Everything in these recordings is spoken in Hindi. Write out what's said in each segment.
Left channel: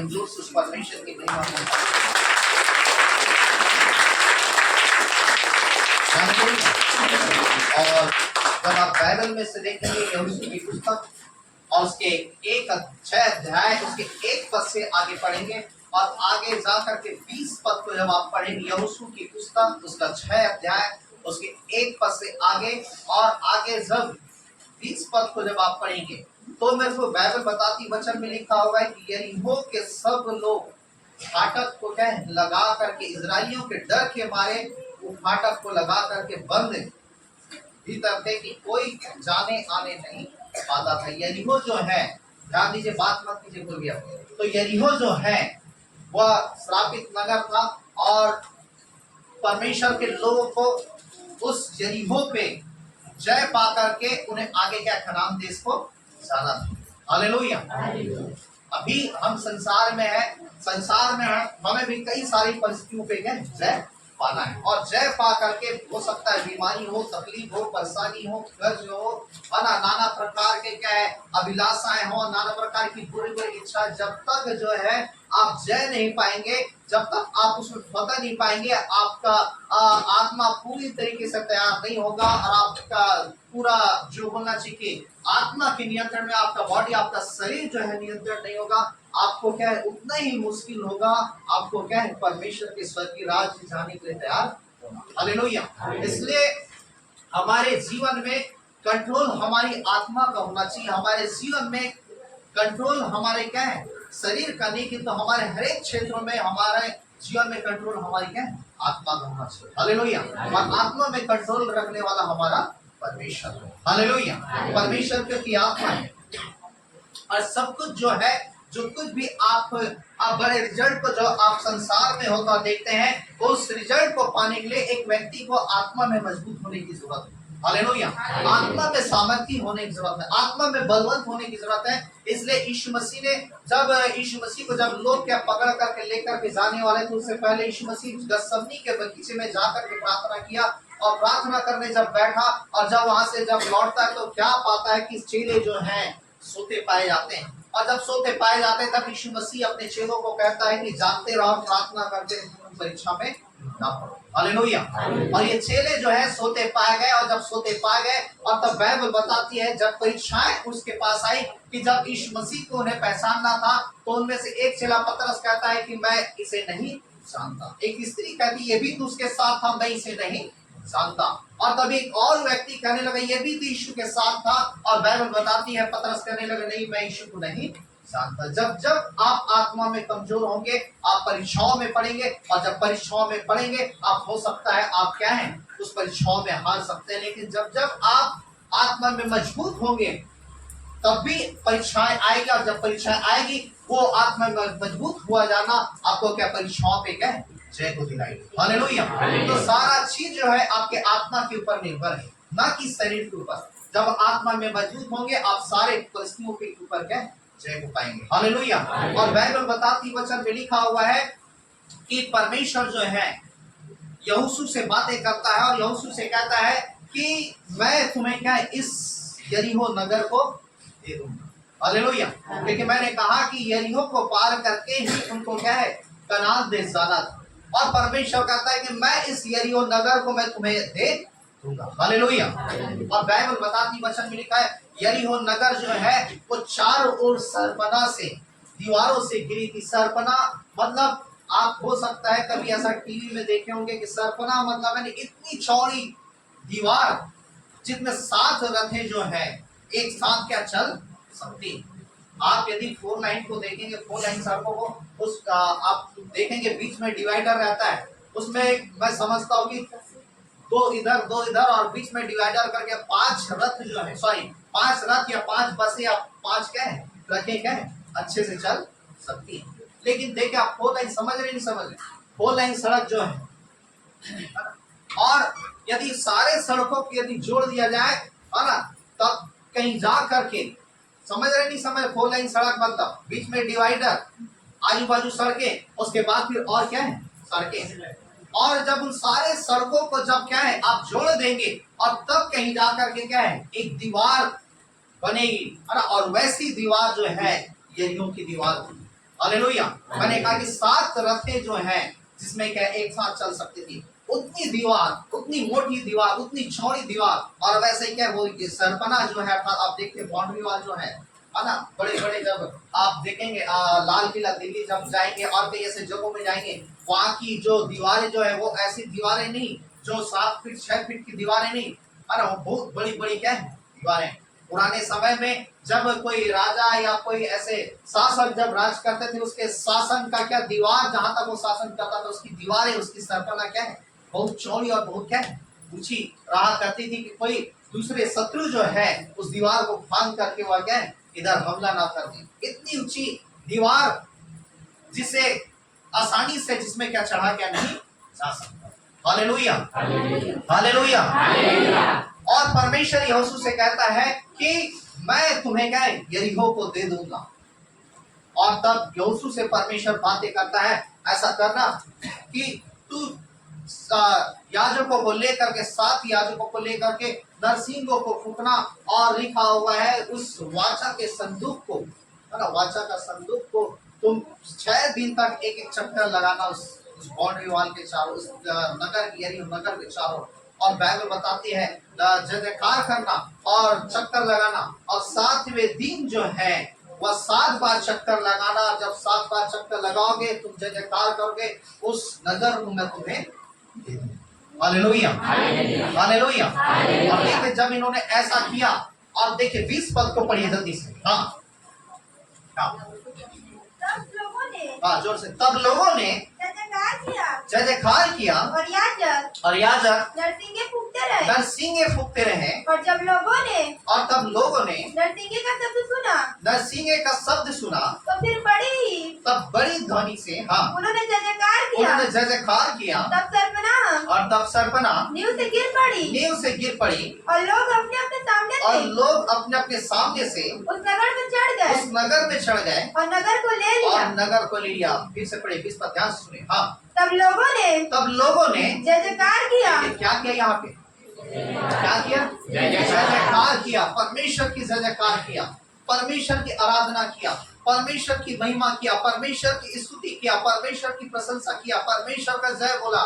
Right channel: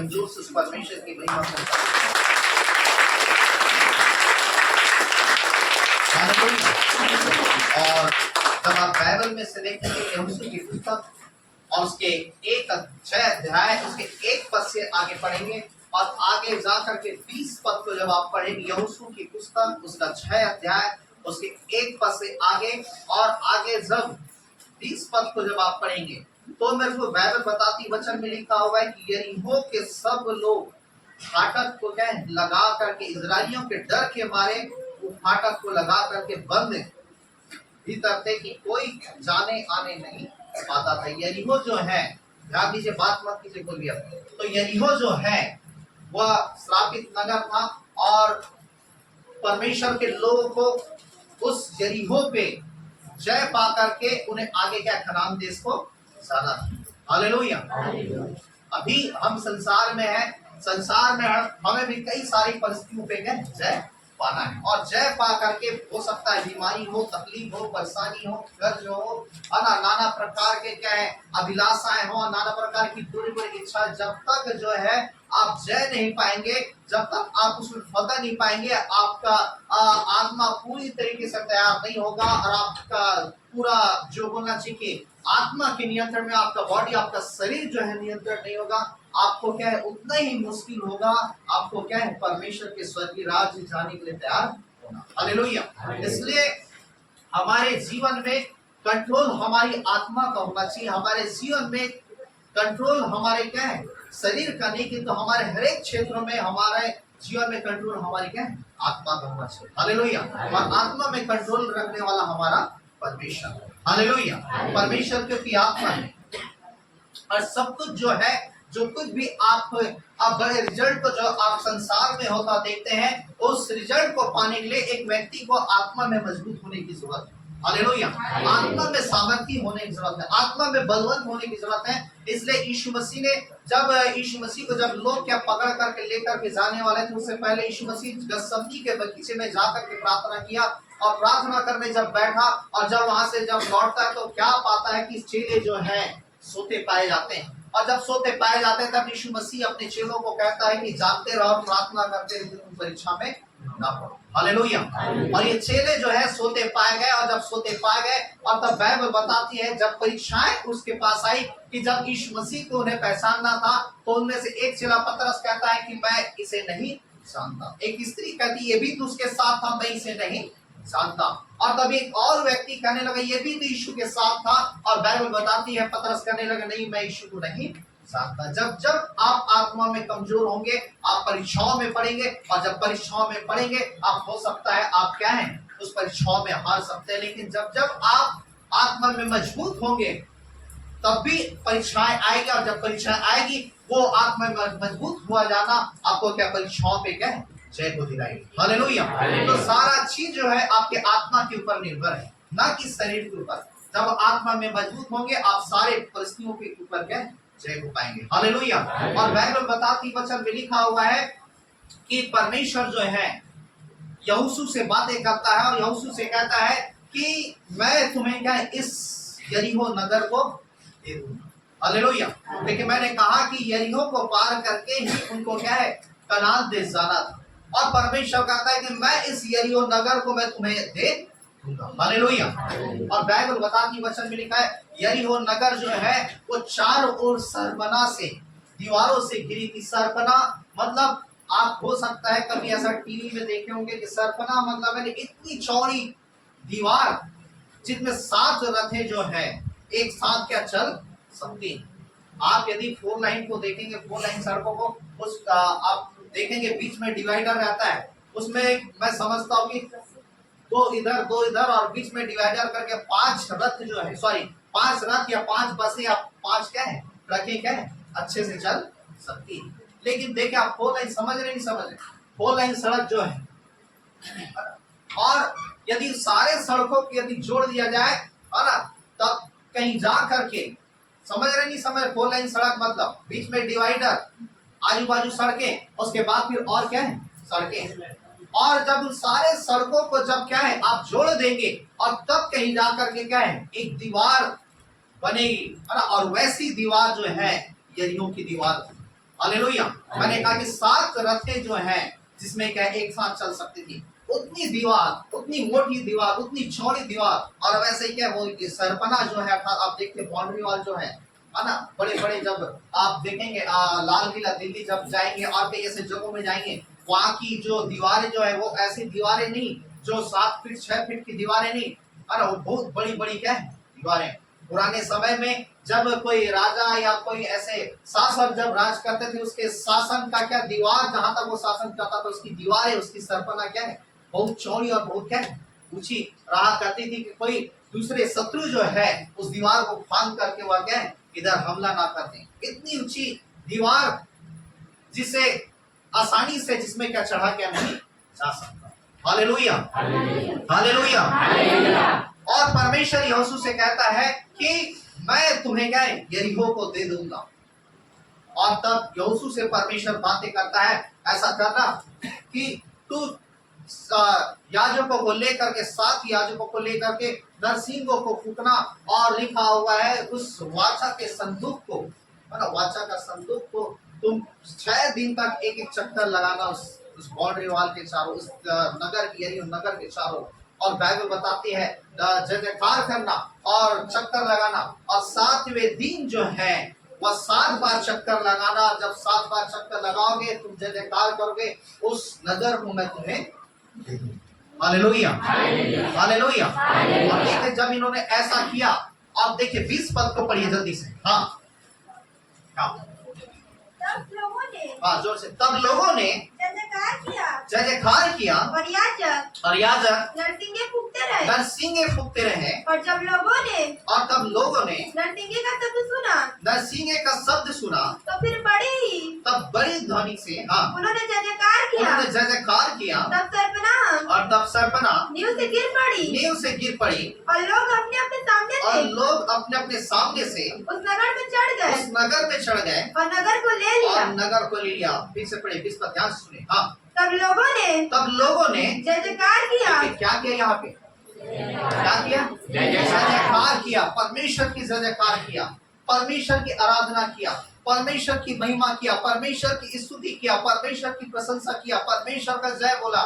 हम जोर से उस परमेश्वर की महिमा करते और जब आप बाइबल में से देखेंगे यहोशू की पुस्तक और उसके एक 6 अध्याय उसके 1 पद से आगे पढ़ेंगे और आगे जा करके 20 पद को जब आप पढ़ेंगे यहोशू की पुस्तक उसका 6 अध्याय उसके 1 पद से आगे और आगे जब 20 पद को जब आप पढ़ेंगे तो मेरे को बाइबल बताती वचन में लिखा हुआ है कि यरीहो के सब लोग फाटक को क्या है लगा करके इजराइलियों के डर के मारे वो फाटक को लगा करके बंद भीतर थे कि कोई जाने आने नहीं पाता था। यरीहो जो है, ध्यान दीजिए, बात मत कीजिए कोई भी अपने, तो यरीहो जो है वह श्रापित नगर था और परमेश्वर के लोगों को उस यरीहो पे जय पा करके उन्हें आगे क्या कनान देश को जाना था। हालेलुया। अभी हम संसार में है, संसार में हमें भी कई सारी परिस्थितियों पे क्या जय पाना है और जय पा करके हो सकता है बीमारी हो, तकलीफ हो, परेशानी हो, कर्ज हो, नाना प्रकार के क्या है अभिलाषाएं हो, नाना प्रकार की बुरी बुरी इच्छा, जब तक जो है आप जय नहीं पाएंगे, जब तक आप उसमें फतह नहीं पाएंगे, आपका आत्मा पूरी तरीके से तैयार नहीं होगा और आपका पूरा जो बोलना चाहिए आत्मा के नियंत्रण में आपका बॉडी, आपका शरीर जो है नियंत्रण नहीं होगा, आपको क्या है उतना ही मुश्किल होगा आपको क्या है परमेश्वर के स्वर्गीय राज्य जाने के लिए तैयार होना। हालेलुया। इसलिए हमारे जीवन में कंट्रोल हमारी आत्मा का होना चाहिए, हमारे जीवन में कंट्रोल हमारे क्या है शरीर का नहीं, किंतु हमारे हर एक क्षेत्रों में हमारे जीवन में कंट्रोल हमारी क्या है आत्मा का होना चाहिए। हालेलुया। और आत्मा में कंट्रोल रखने वाला हमारा परमेश्वर है। हालेलुया। परमेश्वर की आत्मा है और सब कुछ जो है, जो कुछ भी आप बड़े रिजल्ट को जो आप संसार में होता देखते हैं, उस रिजल्ट को पाने के लिए एक व्यक्ति को आत्मा में मजबूत होने की जरूरत है। हालेलुया। आत्मा में सामर्थ्य होने की जरूरत है, आत्मा में बलवंत होने की जरूरत है। इसलिए यीशु मसीह ने जब यीशु मसीह को जब लोग क्या पकड़ करके लेकर के जाने वाले थे, उससे पहले यीशु मसीह गतसमनी के बगीचे में जाकर के प्रार्थना किया और प्रार्थना करने जब बैठा और जब वहां से जब लौटता है तो क्या पाता है कि चेले जो हैं सोते पाए जाते हैं और जब सोते पाए जाते हैं तब यीशु मसीह अपने चेलों को कहता है कि जागते रहो, प्रार्थना करते रहो, परीक्षा में ना पड़ो। हालेलुया। और ये चेले जो है सोते पाए गए और जब सोते पाए गए और तब बाइबल बताती है जब परीक्षाएं उसके पास आई कि जब यीशु मसीह को उन्हें पहचानना था तो उनमें से एक चेला पतरस कहता है कि मैं इसे नहीं जानता। एक स्त्री कहती ये भी तो उसके साथ था, मैं इसे नहीं जानता। और तब एक और व्यक्ति कहने लगा ये भी तो यीशु के साथ था और बाइबल बताती है पतरस कहने लगा नहीं मैं यीशु को नहीं जानता। जब जब आप आत्मा में कमजोर होंगे आप परीक्षाओं में पड़ेंगे और जब परीक्षाओं में पड़ेंगे आप हो सकता है आप क्या हैं उस परीक्षाओं में हार सकते हैं, लेकिन जब जब आप आत्मा में मजबूत होंगे तब भी परीक्षाएं आएगी और जब परीक्षाएं आएगी वो आत्मा में मजबूत हुआ जाना आपको क्या परीक्षाओं पे क्या जय को दिलाएगी। हालेलुया। तो सारा चीज जो है आपके आत्मा के ऊपर निर्भर है, ना कि शरीर के ऊपर। जब आत्मा में मजबूत होंगे आप सारे परिस्थितियों के ऊपर क्या जय को पाएंगे। हालेलुया। और बाइबल बताती वचन में लिखा हुआ है कि परमेश्वर जो है यहोशू से बातें करता है और यहोशू से कहता है कि मैं तुम्हें क्या इस यरीहो नगर को दे दूंगा। हालेलुया। लेकिन मैंने कहा कि यरीहो को पार करके ही उनको क्या है कनान देश जाना था और परमेश्वर कहता है कि मैं इस यरीहो नगर को मैं तुम्हें दे दूंगा। हालेलुया। और बाइबल बताती वचन में लिखा है यरीहो नगर जो है वो चारों ओर सरपना से दीवारों से घिरी थी। सरपना मतलब आप हो सकता है कभी ऐसा टीवी में देखे होंगे कि सरपना मतलब है इतनी चौड़ी दीवार जिसमें 7 रथें जो है एक साथ क्या चल सकती। आप यदि 4 लाइन को देखेंगे 4 लाइन सड़कों को उस आप देखेंगे बीच में डिवाइडर रहता है, उसमें मैं समझता हूँ कि 2 इधर और बीच में डिवाइडर करके 5 रथ जो है 5 रथ या 5 बसें या 5 क्या है ट्रकें क्या है अच्छे से चल सकती है। लेकिन देखिए आप 4 लाइन समझ रहे नहीं समझ रहे, 4 लाइन सड़क जो है और यदि सारे सड़कों को यदि जोड़ दिया जाए है ना तब कहीं जा करके समझ रहे नहीं समझ। 4 लाइन सड़क मतलब बीच में डिवाइडर, आजू बाजू सड़कें, उसके बाद फिर और क्या है सड़कें, और जब उन सारे सड़कों को जब क्या है आप जोड़ देंगे और तब कहीं जा करके क्या है एक दीवार बनेगी है ना। और वैसी दीवार जो है यरीहो की दीवार थी। हालेलुया। मैंने कहा कि 7 रथें जो हैं जिसमें क्या एक साथ चल सकती थी, उतनी दीवार, उतनी मोटी दीवार, उतनी चौड़ी दीवार, और वैसे ही क्या वो सरपना जो है आप देखते बाउंड्री वॉल जो है ना, बड़े बड़े जब आप देखेंगे लाल किला दिल्ली जब जाएंगे और कई ऐसे जगहों में जाएंगे, वहां की जो दीवारें जो है वो ऐसी दीवारें नहीं जो 7 फीट 6 फीट की दीवारें नहीं, है ना, वो बहुत बड़ी बड़ी क्या है दीवारें। पुराने समय में जब कोई राजा या कोई ऐसे शासक जब राज करते थे, उसके शासन का क्या दीवार, जहां तक वो शासन करता था उसकी दीवारें, उसकी सरपना क्या है बहुत चौड़ी और बहुत क्या है ऊंची रहा करती थी कि कोई दूसरे शत्रु जो है उस दीवार को फांद करके वह क्या है इधर हमला ना कर दे। इतनी ऊंची दीवार जिसे आसानी से जिसमें क्या चढ़ा क्या नहीं जा सकता। Hallelujah, hallelujah. और परमेश्वर यहोशू से कहता है कि मैं तुम्हें क्या है यरीहो को दे दूंगा। और तब यहोशू से परमेश्वर बातें करता है, ऐसा करना कि तू याजकों को लेकर के 7 याजकों को लेकर के नरसिंगों को फूकना, और लिखा हुआ है उस वाचा के संदूक को, है ना, वाचा का संदूक को तुम 6 दिन तक एक एक चक्कर लगाना उस बाउंड्री वॉल के चारों, उस नगर की यानी नगर के चारों। और बाइबल बताती है जय जयकार करना और चक्कर लगाना, और 7वें दिन जो है वह 7 बार चक्कर लगाना। और जब 7 बार चक्कर लगाओगे तुम जय जयकार करोगे, उस नगर को मैं तुम्हें हालेलुया, हालेलुया। और देखिए जब इन्होंने ऐसा किया, आप देखिए 20 पद को पढ़िए जल्दी से। हाँ तब लोगों ने जोर से, तब लोगों ने जय जयकार किया और याजक नरसिंगे फूकते रहे। नरसिंगे फूकते रहे। और तब लोगों ने नरसिंगे का शब्द सुना, नरसिंगे का शब्द सुना, तो फिर तब बड़ी ध्वनि से उन्होंने जय जयकार किया। तब सरपना नींव से गिर पड़ी और लोग अपने अपने सामने से उस नगर में चढ़ गए और नगर को ले लिया। फिर से पढ़े, इस पर ध्यान से सुने। हाँ, तब लोगों ने जय जयकार किया। क्या किया यहाँ पे? क्या किया? जय जयकार किया। परमेश्वर की जय जयकार किया, परमेश्वर की आराधना किया, परमेश्वर की महिमा किया, परमेश्वर की स्तुति किया, परमेश्वर की प्रशंसा किया, परमेश्वर का जय बोला।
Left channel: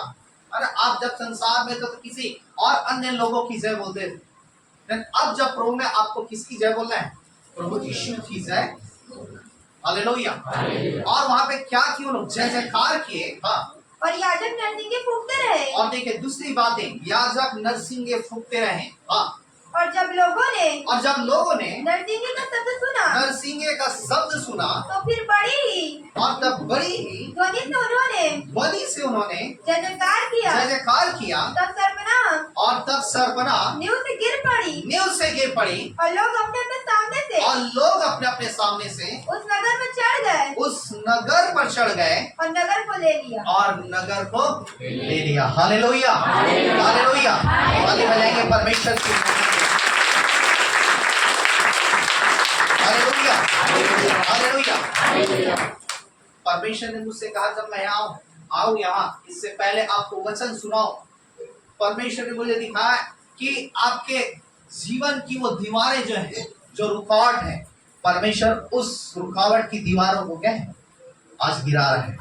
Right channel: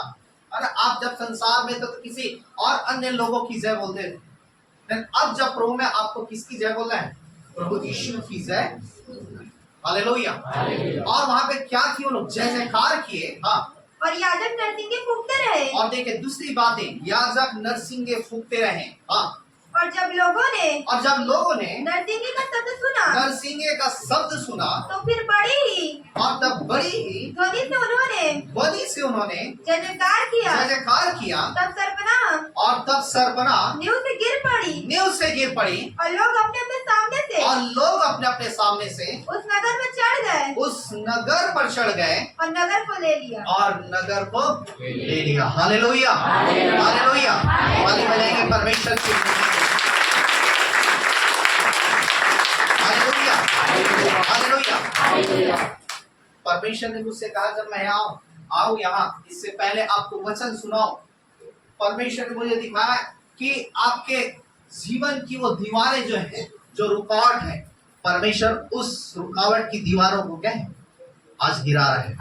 अरे आप जब संसार में तो किसी और अन्य लोगों की जय बोलते थे, लेकिन अब जब प्रभु में आपको किसकी जय बोलना है? प्रभु यीशु की जय। हालेलुया। और वहां पे क्या किए? लोग जय जयकार किए। हाँ, और याजक नरसिंगे फूकते रहे। और देखिए दूसरी बातें, याजक नरसिंगे फूकते रहे। हाँ, और जब लोगों ने नरसिंगे का शब्द सुना, तो फिर और तब बड़ी ही ध्वनि से उन्होंने जय जयकार किया। तब सरपना नींव से गिर पड़ी और लोग अपने अपने सामने से उस नगर पर चढ़ गए और नगर को ले लिया। Hallelujah, hallelujah. ताली बजाएंगे परमेश्वर की। Hallelujah, hallelujah. परमेश्वर ने मुझसे कहा जब मैं आऊं यहाँ, इससे पहले आपको वचन सुनाओ। परमेश्वर ने मुझे दिखाया कि आपके जीवन की वो दीवारें जो है, जो रुकावट है, परमेश्वर उस रुकावट की दीवारों को क्या है आज गिरा रहे हैं।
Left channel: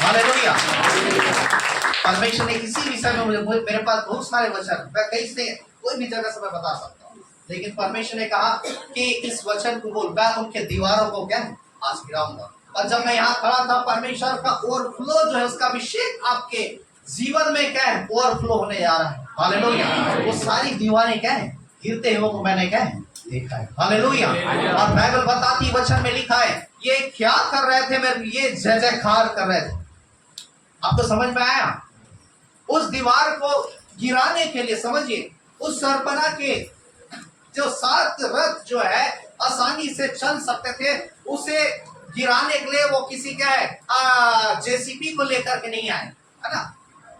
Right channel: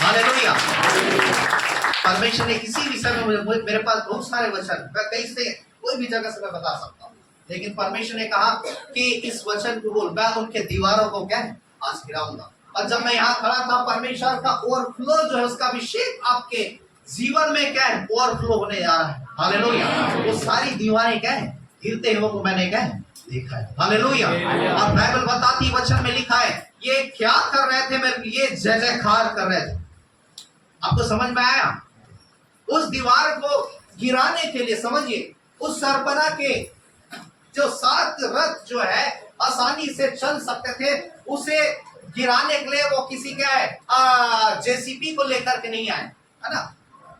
हालेलुया। परमेश्वर ने किसी विषय में मेरे पास बहुत सारे वचन, मैं कहीं से कोई भी जगह से मैं बता सकता हूँ, लेकिन परमेश्वर ने कहा कि इस वचन को बोल, मैं उनके दीवारों को क्या है आज गिराऊंगा। और जब मैं यहाँ खड़ा था, परमेश्वर का ओवरफ्लो जो है, उसका अभिषेक आपके जीवन में क्या है ओवरफ्लो होने जा रहा है। हालेलुया। वो सारी दीवारें क्या है गिरते हुए को मैंने क्या है देखा है। हालेलुया। और बाइबल बताती वचन में लिखा है, ये क्या कर रहे थे? मेरे ये जय जयकार कर रहे थे। आपको समझ में आया? उस दीवार को गिराने के लिए, समझिए, उस सरपना के जो 7 रथ जो है आसानी से चल सकते थे, उसे गिराने के लिए वो किसी क्या है जेसीपी को लेकर के नहीं आए, है ना।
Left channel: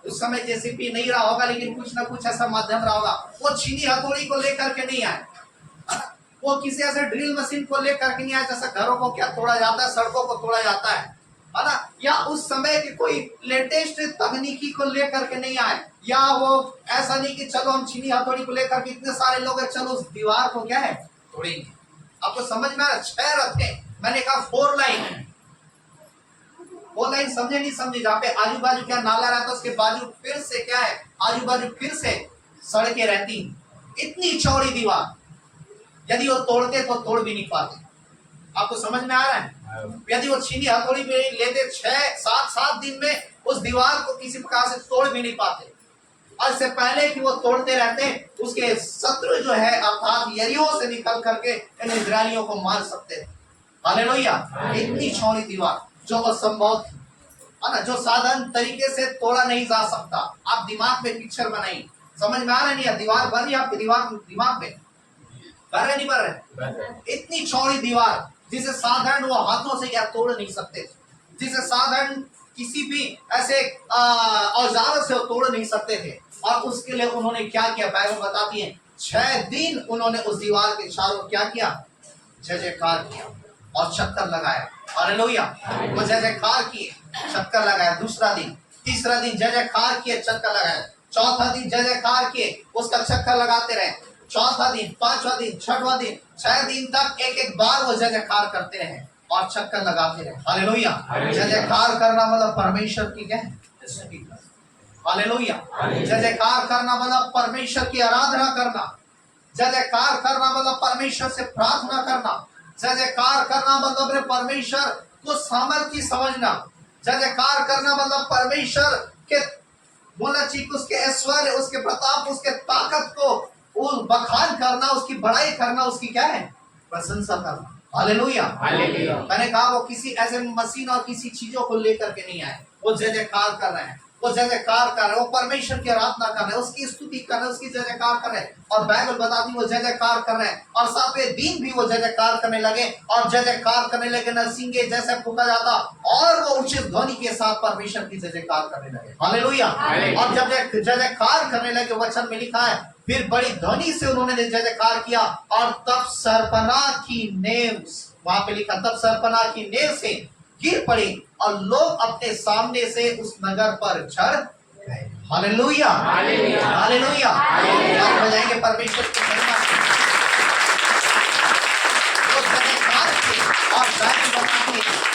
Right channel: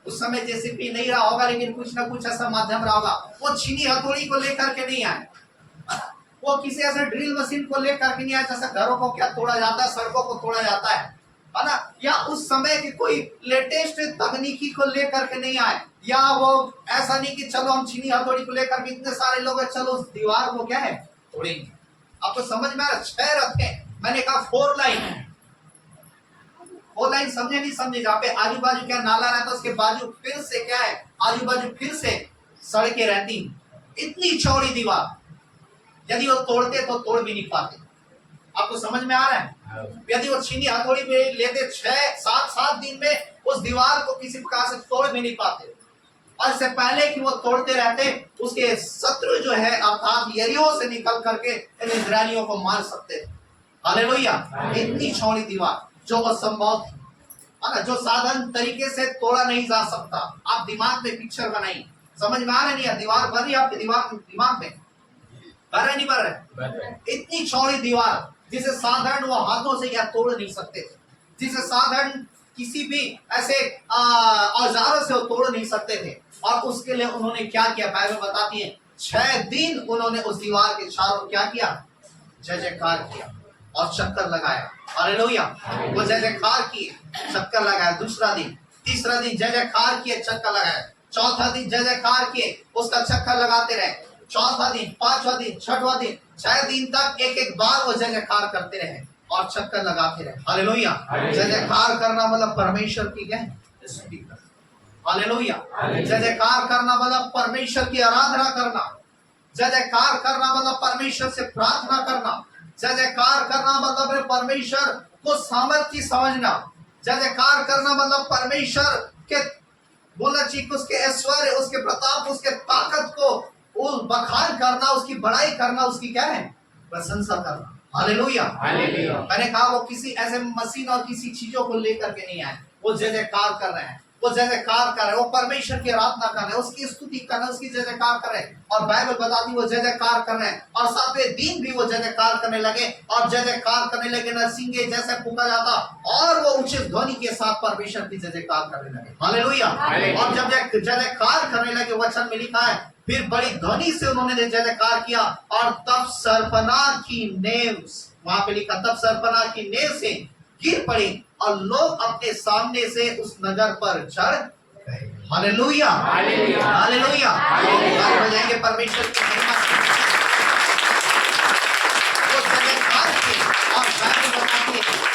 उस समय जेसीपी नहीं रहा होगा, लेकिन कुछ ना कुछ ऐसा माध्यम रहा होगा। वो छीनी हथौड़ी को लेकर के नहीं आए, वो किसी ऐसे ड्रिल मशीन को लेकर के नहीं आए जैसे घरों को क्या तोड़ा जाता है, सड़कों को तोड़ा जाता है ना। या उस समय की कोई लेटेस्ट तकनीकी को लेकर के नहीं आए, या वो ऐसा नहीं कि चलो हम छीनी हथौड़ी को लेकर के इतने सारे लोग हैं, चलो उस दीवार को क्या है तोड़ेंगे। आपको समझ में आ रहा? 6 रथ हैं, मैंने कहा 4 लाइन, 4 लाइन समझे नहीं समझे, जहाँ पे आजू बाजू क्या नाला रहता है, उसके बाजू फिर से क्या है, आजू बाजू फिर से सड़कें रहती, इतनी चौड़ी दीवार, यदि वो तोड़ते तो तोड़ भी नहीं पाते। आपको समझ में आ रहा है? यदि वो छीनी हथौड़ी पे लेते 6-7 दिन में उस दीवार को किसी प्रकार से तोड़ भी नहीं पाते। और इससे पहले कि वो तोड़ते रहते, उसके शत्रु जो है अर्थात यरीहो से निकल करके इन इजरायलियों को मार सकते थे। हालेलुया। इतनी चौड़ी दीवार जो असंभव थी, है ना, जो साधारण तरीके से तोड़ा नहीं जा सकता। आप दिमाग में पिक्चर बनाइए, समझ में आ रहा नहीं है? दीवार बन रही है आपके दिमाग में, बन रहे नहीं बन रहे? इतनी चौड़ी दीवार जिसे साधारण वो हाथों से या तोड़ नहीं सकते थे, जिसे साधारण किसी भी ऐसे औजारों से वो तोड़ नहीं सकते थे। और उसके लिए उन्होंने क्या किया, बाइबल बताती है 6 दिन उन्होंने उस दीवार के चारों क्या किया, जय जयकार किया और चक्कर लगाया। हालेलुया। वो जय जयकार किए, चक्कर लगाया। दूसरा दिन, तीसरा दिन जय जयकार किए, चक्कर लगाया। चौथा दिन जय जयकार किए, उसका चक्कर लगाते रहे। चौथा दिन, 5वां दिन, 6वां दिन, 6 दिन तक एक बार वो जय जयकार करते रहे और चक्कर लगाते रहे। हालेलुया। जय जयकार करना मतलब परमेश्वर की क्या है, स्तुति करना। हालेलुया। जय जयकार करना मतलब परमेश्वर की आराधना करना। जय जयकार करना मतलब परमेश्वर से प्रार्थना करना। जय जयकार करना मतलब परमेश्वर को सामर्थ्य समझना। जय जयकार करना मतलब परमेश्वर के बोलना चाहिए, उसके ऐश्वर्य, उसके प्रताप, उसके ताकत को बखान करना, उसकी बड़ाई करना, उसकी क्या है, प्रशंसा करना। हालेलुया। मैंने कहा वो किसी ऐसे मशीन और किसी चीजों को लेकर के नहीं आए, वो जय जयकार कर रहे हैं, वो जय जयकार कर रहे हैं, वो परमेश्वर की आराधना कर रहे हैं, उसकी स्तुति कर रहे हैं, उसकी जय जयकार कर रहे हैं। और बाइबल बताती वो जय जयकार कर रहे हैं और 7वें दिन भी वो जय जयकार करने लगे और जय जयकार करने लगे, नरसिंगे जैसे फूंका जाता और वो उचित ध्वनि के साथ परमेश्वर की जय जयकार करने लगे। हालेलुया। और जब जय जयकार करने लगे, वचन में लिखा है फिर बड़ी ध्वनि से उन्होंने जय जयकार किया और तब सरपना की नेव, वहां पे लिखा तब सरपना की नेव से गिर पड़ी और लोग अपने सामने से उस नगर पर चढ़ गए। हालेलुया। हालेलुया। बजाएंगे परमेश्वर की महिमा और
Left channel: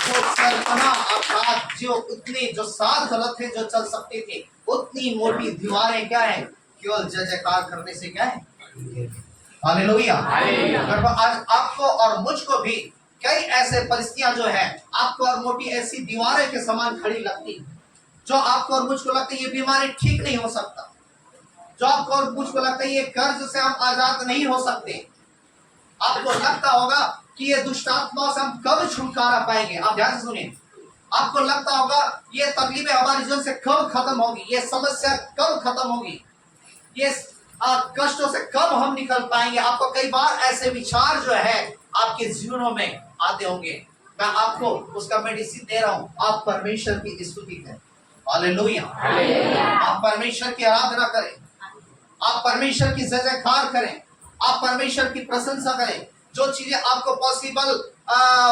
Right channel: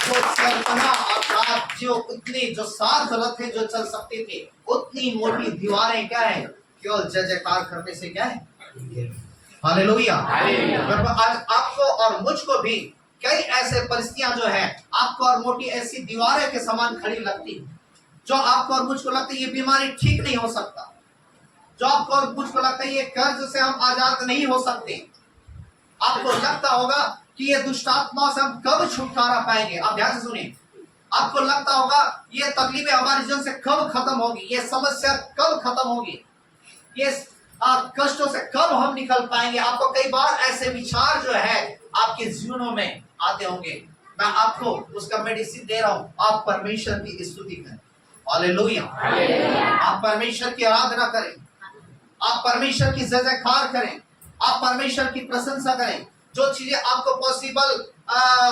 वो सरपना अर्थात जो उतने जो 7 रथ थे जो चल सकते थे, उतनी मोटी दीवारें क्या है, केवल जय जयकार करने से क्या है। हालेलुया। आज आपको और मुझको भी कई ऐसे परिस्थितियां जो है आपको और मोटी ऐसी दीवारें के समान खड़ी लगती, जो आपको और मुझको लगता है ये बीमारी ठीक नहीं हो सकता, जो आपको और मुझको लगता है ये कर्ज से हम आजाद नहीं हो सकते। आपको लगता होगा कि ये दुष्टात्मा से हम कब छुटकारा पाएंगे। आप ध्यान से सुनिए, आपको लगता होगा ये तकलीफें हमारे जीवन से कब खत्म होगी, ये समस्या कब खत्म होगी, ये कष्टों से कब हम निकल पाएंगे। आपको कई बार ऐसे विचार जो है आपके जीवनों में आते होंगे। मैं आपको उसका मेडिसिन दे रहा हूं, आप परमेश्वर की स्तुति करें। हालेलुया। आप परमेश्वर की आराधना करें, आप परमेश्वर की जय जयकार करें, आप परमेश्वर की प्रशंसा करें। जो चीजें आपको पॉसिबल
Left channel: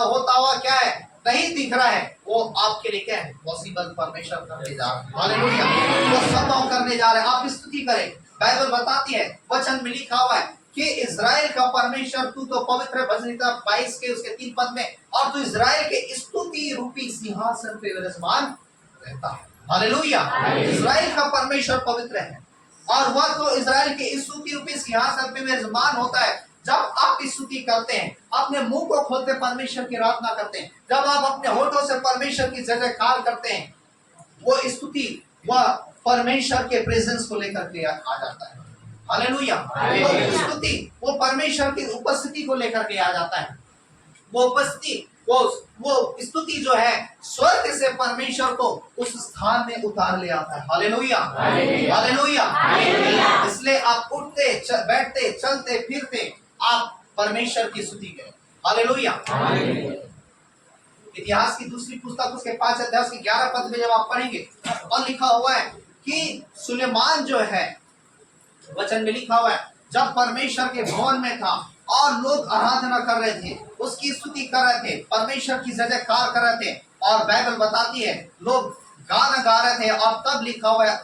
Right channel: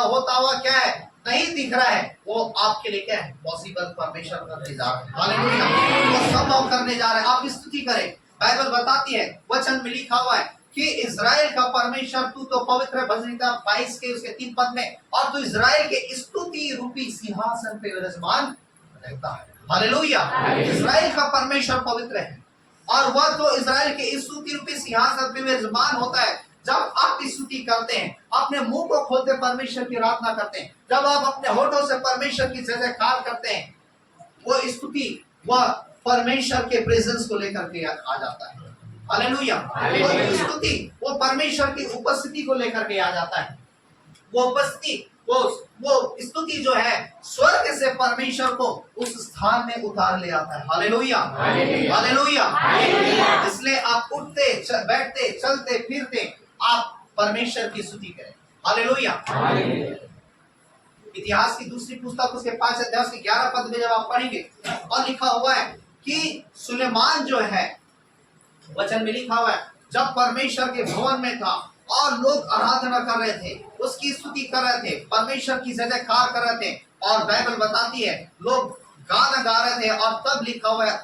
होता हुआ क्या है नहीं दिख रहा है, वो आपके लिए क्या है पॉसिबल परमेश्वर करने जा रहा है। हालेलुया। वो संभव करने जा रहे हैं। आप स्तुति करें। बाइबल बताती है, वचन में लिखा हुआ है कि इजराइल का परमेश्वर तू तो पवित्र है, भजनीता 22 के उसके 3 पद में, और तू इजराइल के स्तुति रूपी सिंहासन पे विराजमान रहता है। हालेलुया। इजराइल का परमेश्वर पवित्र है और वह तो इजराइल के स्तुति रूपी सिंहासन पे विराजमान होता है। जब आप स्तुति करते हैं, अपने मुंह को खोलते परमेश्वर की आराधना करते हैं, जब आप अपने होठों से परमेश्वर की जय जयकार करते हैं, वो स्तुति वह परमेश्वर के प्रेजेंस को लेकर के आ जाता है। हालेलुया। वो स्तुति वो परमेश्वर की उपस्थिति को लेकर के आ जाता है। वो उपस्थिति वो स्तुति जो है स्वर्ग से परमेश्वर को उस स्थान में उतार ले आता है। हालेलुया। हालेलुया। इसलिए आप उठते बैठते चलते फिरते आप परमेश्वर की स्तुति करें। हालेलुया। इतिहास की दूसरी पुस्तक उसके 5 अध्याय के 11 पद में जब आप पढ़ेंगे और लिखा हुआ है कि सुलेमान जो है, वचन में लिखा हुआ है, जब परमेश्वर के भवन में था और लोग आराधना कर रहे थे, उसकी स्तुति कर रहे थे, परमेश्वर की जय जयकार कर रहे थे, और बाइबल बताती है लोग गाना गा रहे थे, और तब लिखा हुआ है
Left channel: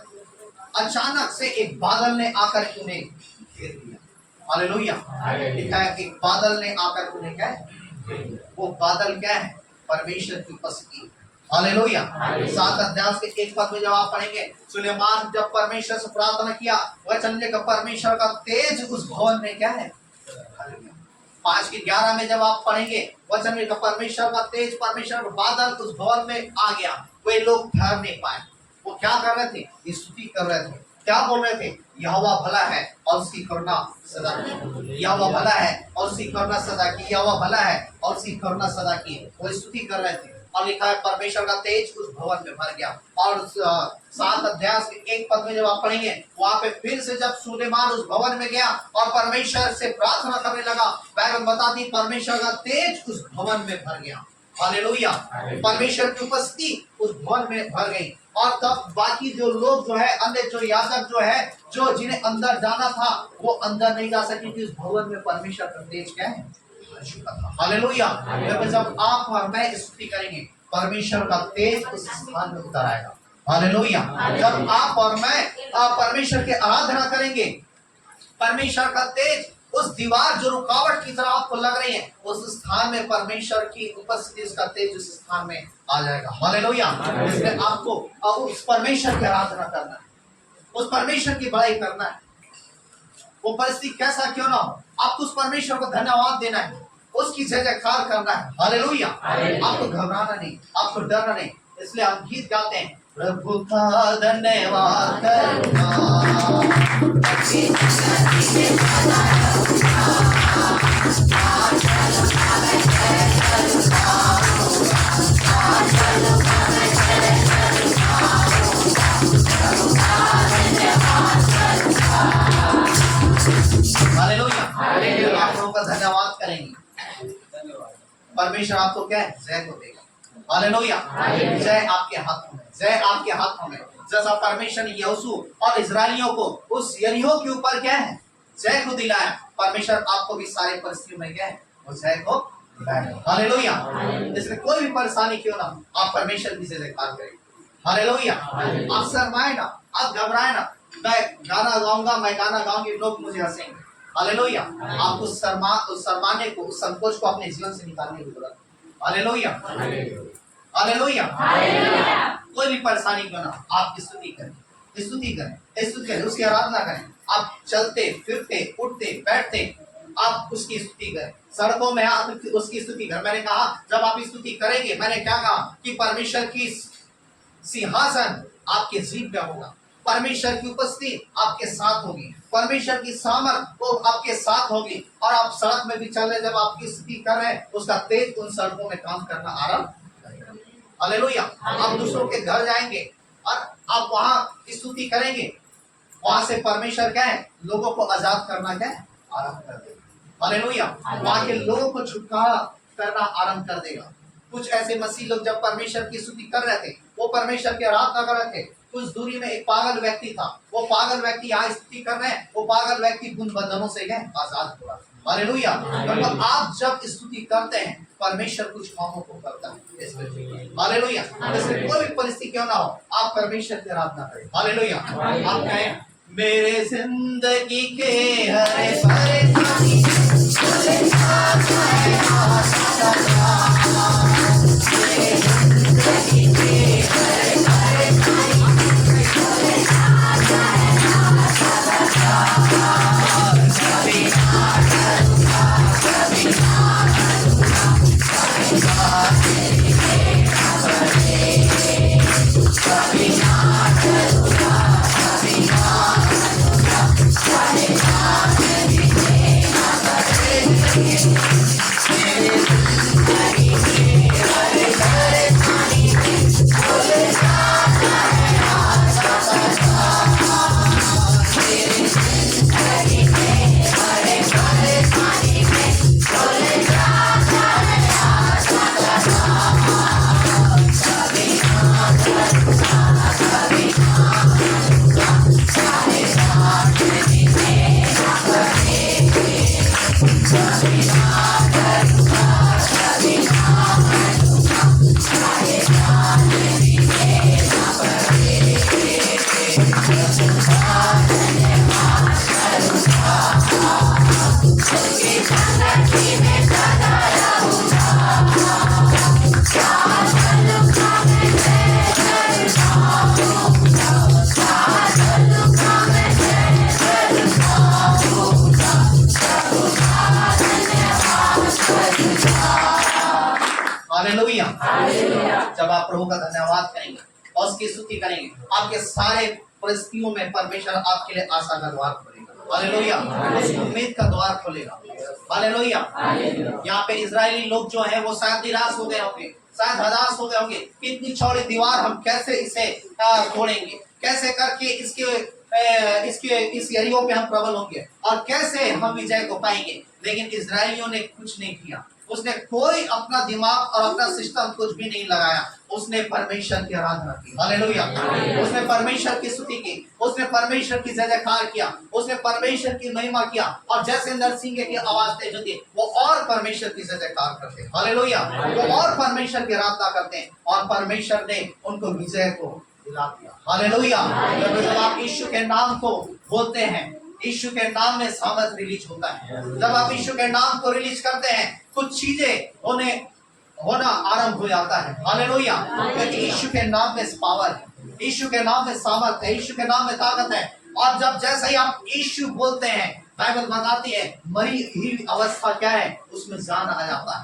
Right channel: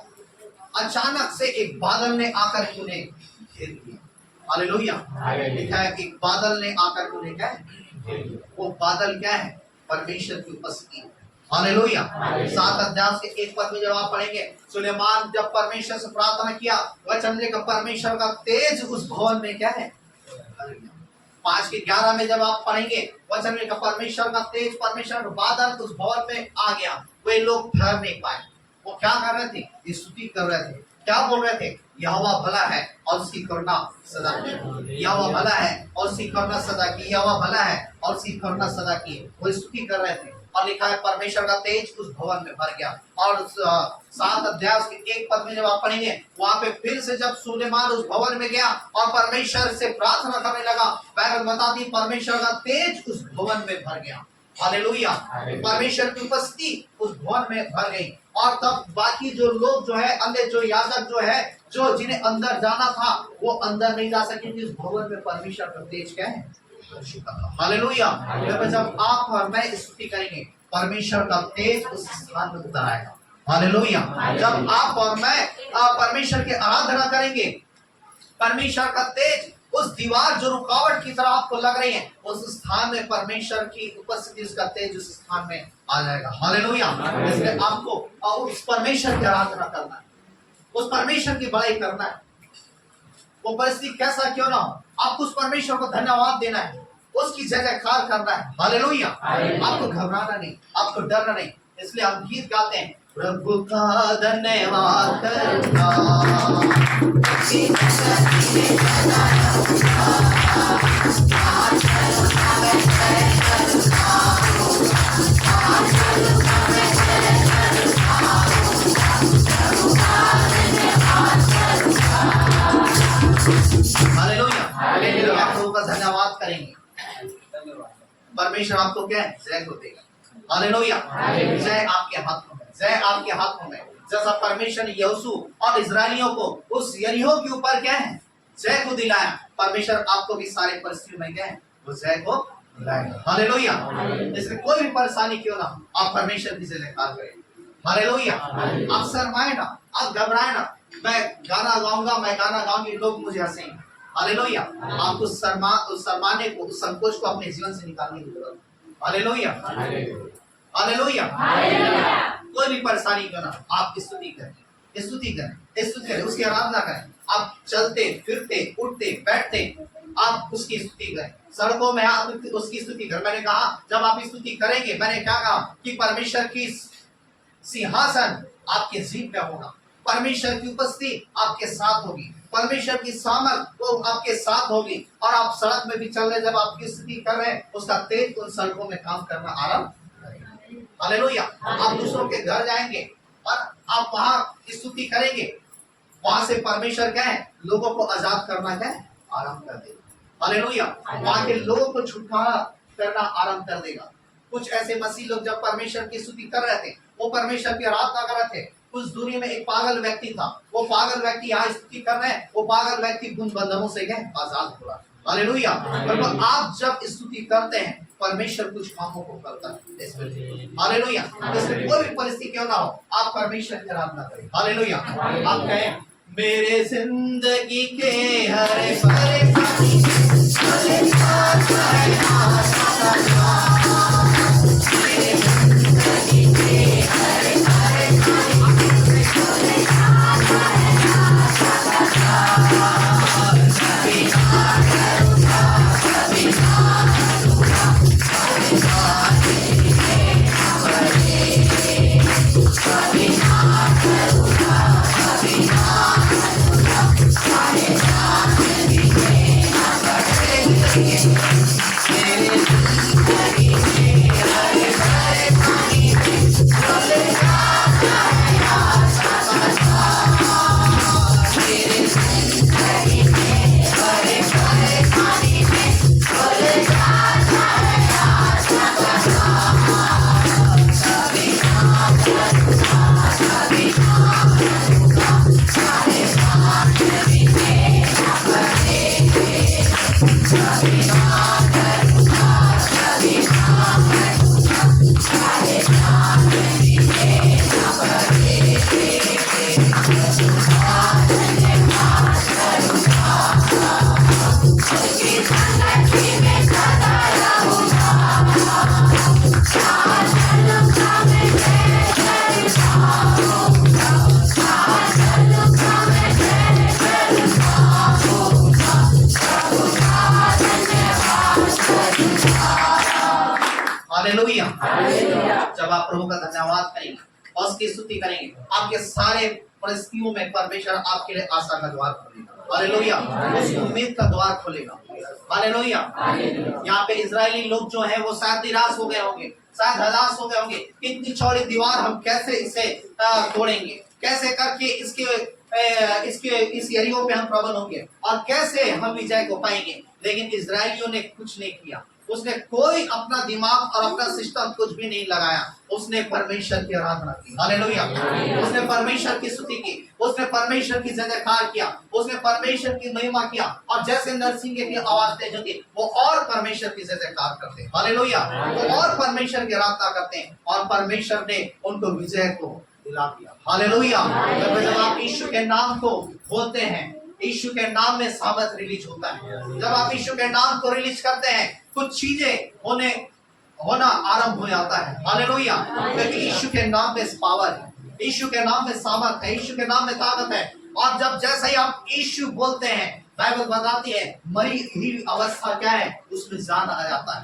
अचानक से एक बादल ने आकर उन्हें घेर लिया। हालेलुया। लिखा है कि बादल ने आकर उन्हें क्या वो बादल क्या है? परमेश्वर की उपस्थिति। हालेलुया। 7 अध्याय के 1 पद में जब आप पढ़ेंगे, सुलेमान जब परमेश्वर से प्रार्थना किया, वचन में परमेश्वर का तेज उस भवन में क्या है? 5 के 11 में जब आप पढ़ेंगे, वचन में परमेश्वर का तेज, परमेश्वर का बादल उस भवन में आ गया। वे लोग ठहर नहीं पाए। वो क्या कर रहे थे? स्तुति कर रहे थे। क्या बोल रहे थे? यहोवा भला है और उसकी करुणा सदा की। यहोवा भला है और उसकी करुणा सदा की। यहोवा भला है और उसकी करुणा सदा की। वो स्तुति कर रहे थे और लिखा है परमेश्वर का तेज उस भवन में भर गया। और 7 अध्याय के 1 पद में जब आप पढ़ेंगे, वहां पे फिर से जब सुलेमान उस भवन में गया और परमेश्वर से प्रार्थना करने लगा, बाइबल बताती परमेश्वर का तेज उस भवन में भर गया। हालेलुया। परमेश्वर की उपस्थिति उस भवन में भर गई। और तब बाकी जो लोग जो है, अन्य जो याजक जो है, जो जिन्हें अंदर जाना था, वो अंदर नहीं जा सके क्योंकि उस भवन में परमेश्वर का तेज क्या है? हालेलुया। जब आप और मैं स्तुति करेंगे, परमेश्वर का तेज उस स्थान में उतर आएगा। हालेलुया। जब आप और मैं परमेश्वर की आराधना करेंगे, परमेश्वर का तेज उस दीवार जो रुकावट की तरह आपको लग रही है, उस स्थान में परमेश्वर की उपस्थिति, उसका तेज उस स्थान में आ जाएगा। हालेलुया। इसलिए आपको उस परमेश्वर की आराधना करना है, उस परमेश्वर की बड़ाई करना है। वो परिस्थिति कैसा क्यों ना हो, आपको उस परमेश्वर को धन्यवाद देना है, उसकी जय जयकार करना है। हालेलुया। आपको घबराना नहीं, आपको डरना नहीं। इसलिए हम गीत गाते हैं, प्रभु का धन्यवाद करना। हालेलुया। आप प्रभु का धन्यवाद करेंगे, परमेश्वर आपको क्या है? जय को देगा। हालेलुया। जय आपके हाथों में, जय आपके हाथों में। जैसा परमेश्वर ने यहोशू और इस्राएलियों को उस यरीहो के ऊपर क्या है? जय को दिलाया, परमेश्वर आपको भी सारे परिस्थितियों में क्या है? वो जय को दिलाएगा। हालेलुया। इसमें कोई भी परेशानी क्यों ना हो, आप परमेश्वर की जय जयकार करें। हालेलुया। आप शर्माए ना, आप घबराए ना। मैं गाना गाऊंगा, मैं गाना गाऊंगी, लोग मुझे हंसेंगे। हालेलुया। आप उस शर्माने को, उस संकोच को अपने जीवन से निकालने की जरूरत है। हालेलुया। हालेलुया। कोई भी परेशानी क्यों ना, आप स्तुति करें, स्तुति करें, स्तुति करें, उसकी आराधना करें। आप चलते फिरते उठते बैठते आप उसकी स्तुति करें, सड़कों में आप उसकी स्तुति करें। मैंने कहा जब आप स्तुति करेंगे, मैंने क्या कहा कि परमेश्वर की सिंहासन आपके जीभ पे होगा, परमेश्वर की उपस्थिति आपके साथ होगी, परमेश्वर की सामर्थ वो आपके साथ होगी। और आप सड़क में भी चल रहे, जब आपकी स्तुति कर रहे हैं, उसका तेज उन सड़कों में काम करना आरंभ करेगा। हालेलुया। आप दूसरों के घर जाएंगे और आप वहां स्तुति करेंगे, वहां से परमेश्वर क्या है? लोगों को आजाद करना क्या है? आरंभ कर देगा। हालेलुया। वहां के लोगों को छुटकारा करना आरंभ कर देगा। कुछ ऐसे मसीह लोग जब परमेश्वर की स्तुति कर रहे थे, वो परमेश्वर की आराधना कर रहे थे, कुछ दूरी में एक पागल व्यक्ति था। वो पागल व्यक्ति यहाँ स्तुति कर रहे हैं, वो पागल व्यक्ति गुण बंधनों से गए आजाद हुआ। हालेलुया। आप जब स्तुति करते हैं, परमेश्वर कुछ कामों को करता है। हालेलुया। इसमें कोई भी परिस्थिति क्यों ना हो, आप परमेश्वर की आराधना करें। हालेलुया। आप कहें, मेरे जिंदगी के हर परेशानी हालेलुया। जब आप प्रभु का धन्यवाद करेंगे और उसकी स्तुति करेंगे, आपके सारे परिस्थितियों में परमेश्वर आपके लिए आशा का द्वार खोलेगा। हालेलुया। उस उम्मीद का द्वार खोलेगा। हालेलुया। यहाँ पे इजरायली लोग जो है वो शायद निराश हो गए होंगे, शायद हताश हो गए होंगे, इतनी चौड़ी दीवार हम कैसे इसे तोड़ेंगे, कैसे करके इस यरीहो पे हम प्रबल होंगे और कैसे हम विजय को पाएंगे। लेकिन इजरायलियों ने कुछ नहीं किया, उसने कोई अपना दिमाग और अपना सिस्टम कुछ भी नहीं लगाया, उसने परमेश्वर की आराधना की। हालेलुया। उसने परमेश्वर की स्तुति की, उसने परमेश्वर की जय जयकार किया, उसने परमेश्वर की महिमा किया। और जैसे नरसिंह की आवाज तेज होती है, वो और परमेश्वर की जय जयकार करते हैं। हालेलुया। वो और परमेश्वर की आराधना करते हैं और परमेश्वर ने उनको विजय को दिला दिया। हालेलुया। जब आप यीशु के नाम को बोलते हैं, यीशु के नाम में सामर्थ रिलीज होता है। जब आप यीशु के नाम को रिलीज करते हैं, कुछ चीजें होना आरंभ हो जाता है। हालेलुया। क्योंकि यीशु के नाम में पावर है, यीशु के नाम में सामर्थ है, यीशु के नाम में ताकत है। और जब जैसे ही आप यीशु बोलते हैं, बाइबल बताती है मरी हुई अवस्था क्या है, उसमें जान आ जाता है।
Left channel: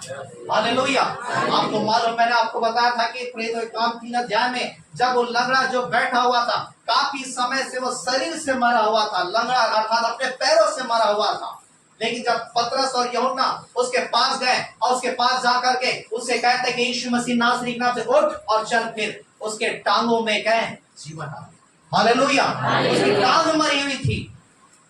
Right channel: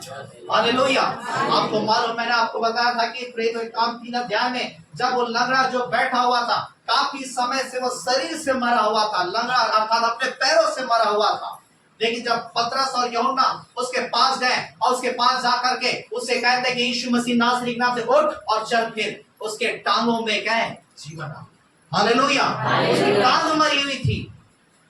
हालेलुया। आपको मालूम, मैंने आपको बताया था कि प्रेरितों के काम 3 अध्याय में जब वो लंगड़ा जो बैठा हुआ था, काफी समय से वो शरीर से मरा हुआ था, लंगड़ा अर्थात अपने पैरों से मरा हुआ था। लेकिन जब पतरस और यूहन्ना उसके पास गए और उसके पास जाकर के उससे कहते कि यीशु मसीह नासरी के नाम से उठ और चल, फिर उसके टांगों में क्या है, जीवन आ गया। हालेलुया। उसकी टांग मरी हुई थी,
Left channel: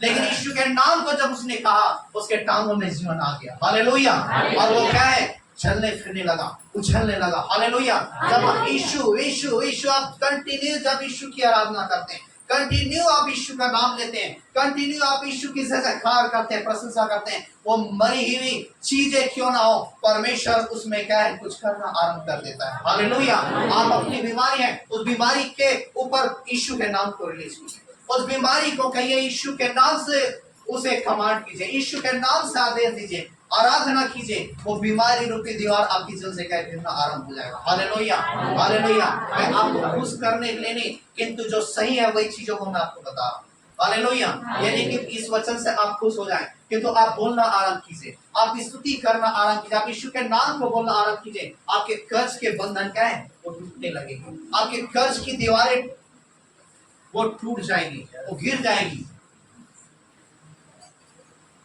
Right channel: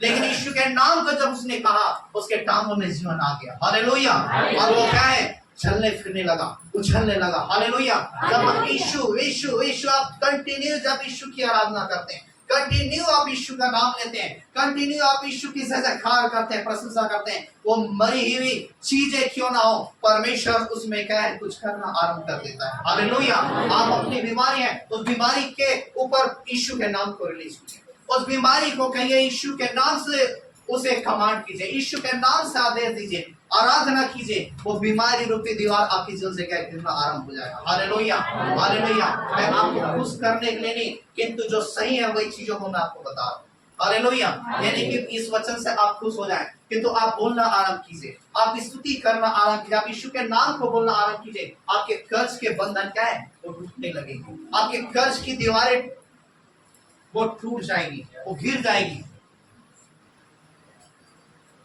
लेकिन यीशु के नाम को जब उसने कहा, उसके टांगों में जीवन आ गया। हालेलुया। और वो क्या है, चलने फिरने लगा, उछलने लगा। हालेलुया। जब आप यीशु यीशु यीशु आप कंटिन्यू जब यीशु की आराधना करते हैं, कंटिन्यू आप यीशु का नाम लेते हैं, कंटिन्यू आप यीशु की जयकार करते हैं, प्रशंसा करते हैं, वो मरी हुई चीजें क्यों ना हो, परमेश्वर उसमें क्या है, कुछ करना आरंभ कर देता है। हालेलुया। आप अपनी बीमारी है, उस बीमारी के ऊपर यीशु के नाम को रिलीज कीजिए, उस बीमारी को कहिए यीशु के नाम से उसे कमांड कीजिए, यीशु के नाम से आदेश दीजिए, आराधना कीजिए, वो बीमारी रूपी दीवार आपकी जल से क्या गिरना आरंभ हो जाएगा। हालेलुया। हालेलुया। मैं आपको खुश करने के लिए नहीं, किंतु जो सही है वही चीजों को मैं आपको बता रहा हूँ। हालेलुया। यानी कि इस वचन से आप खुश हो जाएं, किंतु आप बोलना आरंभ कीजिए, आप स्तुति करना आरंभ कीजिए, आप यीशु के नाम को बोलना आरंभ कीजिए। आपके कर्ज के बंधन क्या है, वो टूटने लगेंगे, आपके कर्ज की दीवारें वो टूट जाएगी, वो गिर जाएगी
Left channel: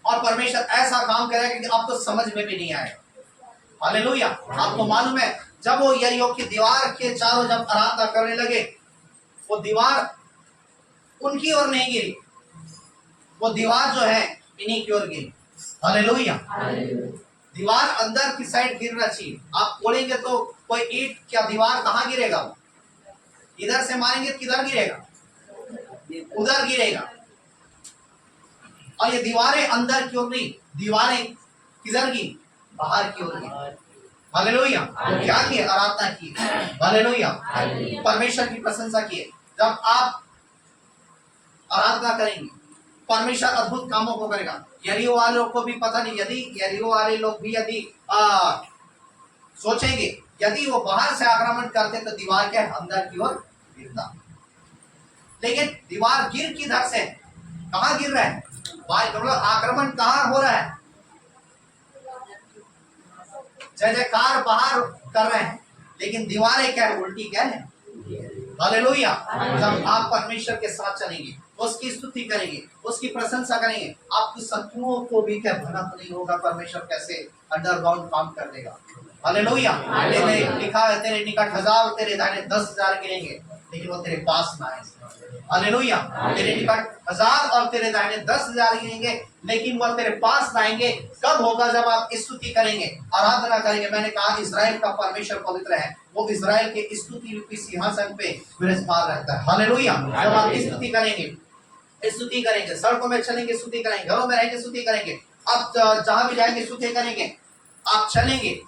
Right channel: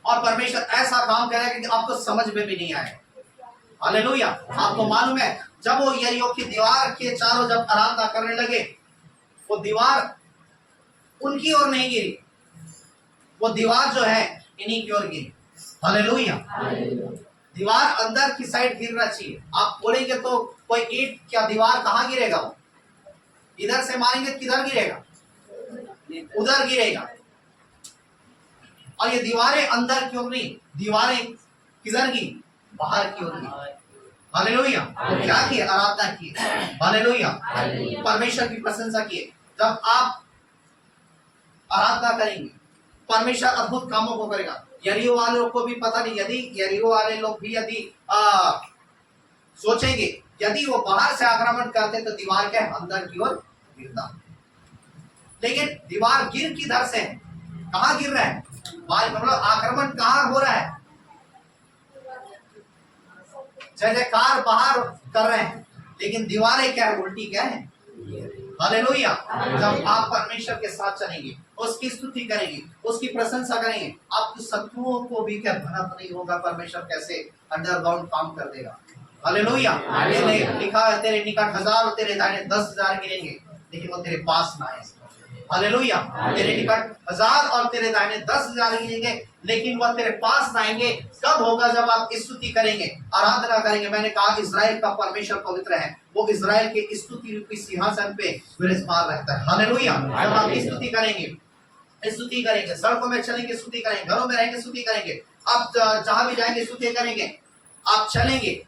और परमेश्वर ऐसा काम करेगा कि आपको समझ में भी नहीं आएगा। हालेलुया। आपको मालूम है, जब वो यरीहो की दीवार के चारों जब आराधना करने लगे, वो दीवार उनकी ओर नहीं गिरी, वो दीवार जो है इन्हीं की ओर गिरी। हालेलुया। दीवार अंदर की साइड गिरना चाहिए। आप बोलेंगे तो कोई ईंट क्या दीवार कहाँ गिरेगा, वो इधर से मारेंगे किधर गिरेगा, उधर गिरेगा। और ये दीवारें अंदर की ओर नहीं, दीवारें किधर की, बाहर की ओर की। हालेलुया। तो क्या किए, आराधना की। हालेलुया। परमेश्वर की प्रशंसा किए। जब आप आराधना करेंगे, परमेश्वर अद्भुत कामों को करेगा। यरीहो वालों को भी पता नहीं, यदि यरीहो वाले लोग भी यदि सोचेंगे, यदि वो बाहर से आक्रमण करते तो दीवार के अंदर की ओर गिरता, लेकिन दीवार गिर किधर से, कहाँ गिर रहा है, मतलब आक्रमण कहाँ हो रहा है, जय जयकार बाहर कर रहे हैं, लेकिन दीवारें क्या है, उल्टी क्या है। हालेलुया। जब आप परमेश्वर के साथ चलेंगे, उसकी स्तुति करेंगे, उसकी प्रशंसा करेंगे, आपके शत्रुओं को भी क्या भनक नहीं होगा, परमेश्वर कैसे अंडरग्राउंड काम कर देगा। हालेलुया। लिखा है तेरे निकट 1000 और तेरे दाहिने 10,000 गिरेंगे, लेकिन वो तेरे पास ना आए। हालेलुया। तेरे निकट 1000 और तेरे दाहिने 10,000 गिरेंगे, लेकिन वह तेरे पास ना आएंगे। कब होगा, जब आप स्तुति करेंगे, आराधना करेंगे। मैंने कहा इजराइल का परमेश्वर पवित्र है, वो इजराइल के स्तुति रूपी सिंहासन पे विराजमान रहता है। हालेलुया। जब आप स्तुति करेंगे, सड़कों में चलेंगे स्तुति करेंगे, घरों में रहेंगे स्तुति करेंगे, आप जहां भी जाएंगे स्तुति करेंगे, आप चलेंगे,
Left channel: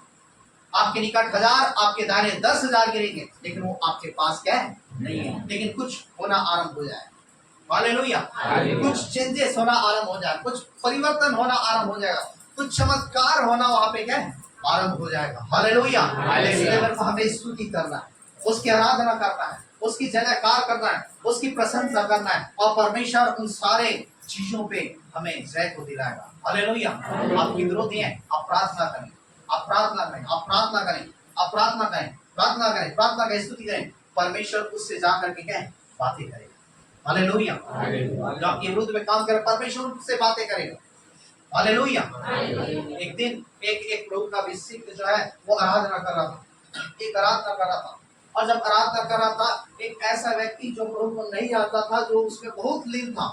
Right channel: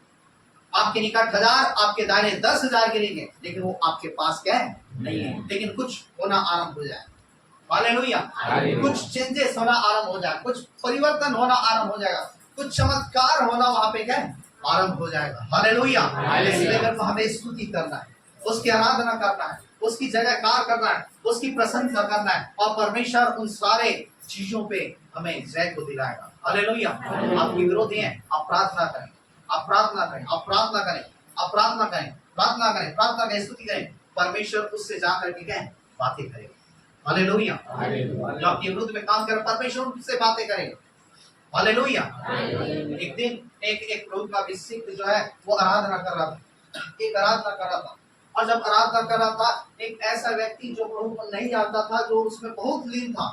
आपके निकट 1000 आपके दाहिने 10,000 गिरेंगे, लेकिन वो आपके पास क्या है, नहीं है। लेकिन कुछ होना आरंभ हो जाए। हालेलुया। कुछ चेंजेस होना आरंभ हो जाए, कुछ परिवर्तन होना आरंभ हो जाएगा, कुछ चमत्कार होना वहां पे क्या है, आरंभ हो जाएगा। हालेलुया। इसलिए मेरे को हमें स्तुति करना है, उसकी आराधना करना है, उसकी जयकार करना है, उसकी प्रशंसा करना है, और परमेश्वर उन सारे चीजों पे हमें जय को दिलाएगा। हालेलुया। आपके विरोधी हैं, आप प्रार्थना करें, आप प्रार्थना करें, आप प्रार्थना करें। आप प्रार्थना करें, प्रार्थना करें, प्रार्थना करें, स्तुति करें, परमेश्वर उससे जा करके क्या है, बातें करेगा। हालेलुया। जो आपके विरुद्ध में काम करे, परमेश्वर उससे बातें करेगा। हालेलुया। एक दिन एक प्रभु का अभिषिक्त जो है वो आराधना कर रहा था, एक आराधना कर रहा था, और जब आराधना कर रहा था, एक ऐसा व्यक्ति जो प्रभु को नहीं जानता था, जो उसमें बहुत लीन था,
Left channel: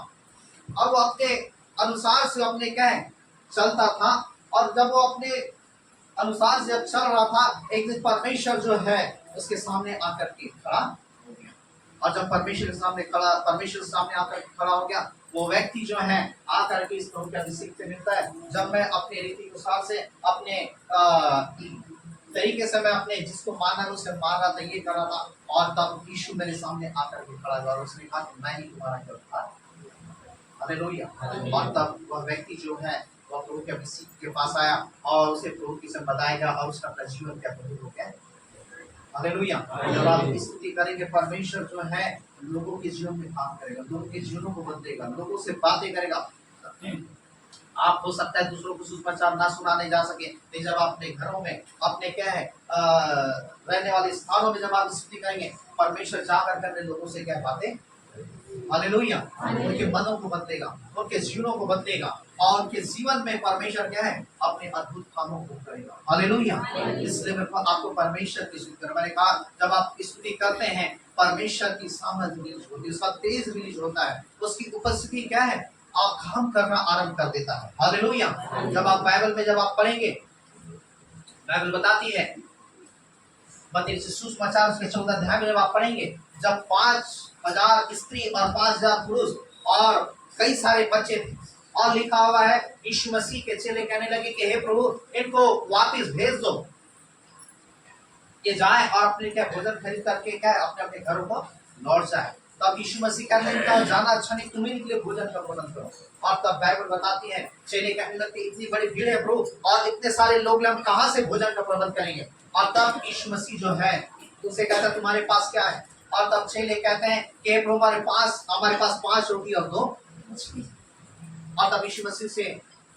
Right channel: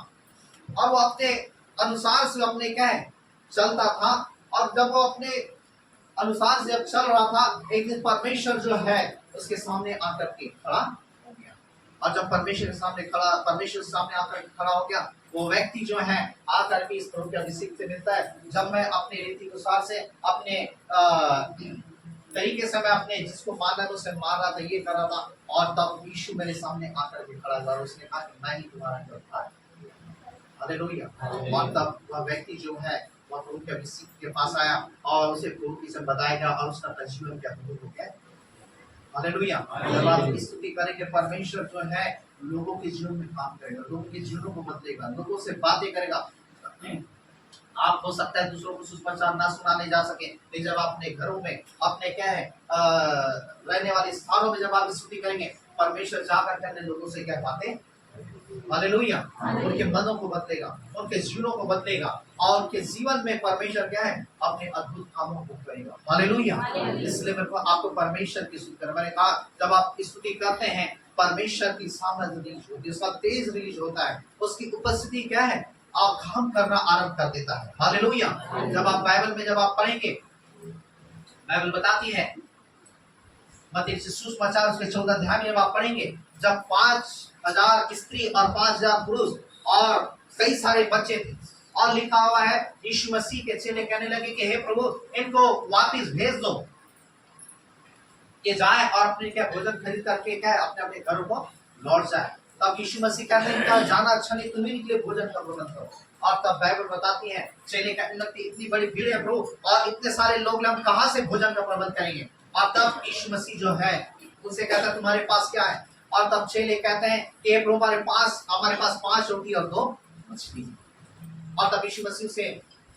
और वो अपने अनुसार से अपने क्या है चलता था, और जब वो अपने अनुसार से जब चल रहा था, एक दिन परमेश्वर जो है उसके सामने आकर के खड़ा हो गया, और जब परमेश्वर के सामने आकर खड़ा हो गया, वो व्यक्ति जो है आकर के इस प्रभु के अभिषेक से मिलता है, जब मैं अपने रीति अनुसार से अपने तरीके से मैं अपने जिसको मारना है उसे मार रहा था, ये कर रहा था, और तब यीशु मेरे सामने आकर के खड़ा हुआ और उसने कहा कि मैं ही तुम्हारा गिरफ्तार। हालेलुया। और तब वह व्यक्ति जो है वह प्रभु के अभिषेक के पास आया और उसे प्रभु की सब बताएगा, और उसका अपना जीवन क्या प्रभु हो गया। हालेलुया। जब आप स्तुति करेंगे, परमेश्वर जो है लोगों के जीवन में काम करेगा, लोगों के जीवनों को बदलेगा, लोगों से बातें करेगा। आप हो सकता है दूसरों को सुसमाचार ना सुनाने जा सके, लेकिन जब आप अपने घरों में, अपने क्या है रहने वाले स्थानों में जब आप स्तुति करेंगे, परमेश्वर जाकर के लोगों से क्या बातें, हालेलुया, उनके मनों को बदलेगा, उनके जीवनों को बदलेगा, और उनके जीवन में परमेश्वर क्या है अपने अद्भुत कामों को करेगा। हालेलुया। इसलिए मेरे को आपको परमेश्वर की स्तुति करना, मैंने कहा जब आप स्तुति करते हैं, परमेश्वर की सामर्थ रिलीज होती है, उसका तेज रिलीज होता है, उसकी उपस्थिति क्या है आप काम करना आरंभ कर देता है। हालेलुया। जब आप बाइबल में जब आप पढ़ेंगे, बाइबल बताती है मत्ती सुसमाचार उसके 14 अध्याय में जब आप पढ़ेंगे, जब 5000 स्त्री और 5000 पुरुष और कई सारे बच्चे थे, और लिखा हुआ है यीशु मसीह के चेले कहने लगे कि हे प्रभु इनको वापस भेज दो, ये जाए और अपने क्या भोजन खरीद करके क्या अपने अपने घरों को लौट जाए। तब यीशु मसीह कहते हैं क्या जाना अच्छा नहीं, तुम्हें के लिए भोजन का प्रबंध करो। और तब बाइबल बताती है चेले कहने लगते इतनी बड़ी भीड़ है प्रभु, और इतने सारे लोग हम कहां से भोजन का प्रबंध करेंगे। और तब यीशु मसीह जो है उनसे कहता है तुम्हारे पास क्या है, और तब चेले कहते हैं कि प्रभु हमारे पास 5 रोटी और 2 मछली। और तब यीशु मसीह से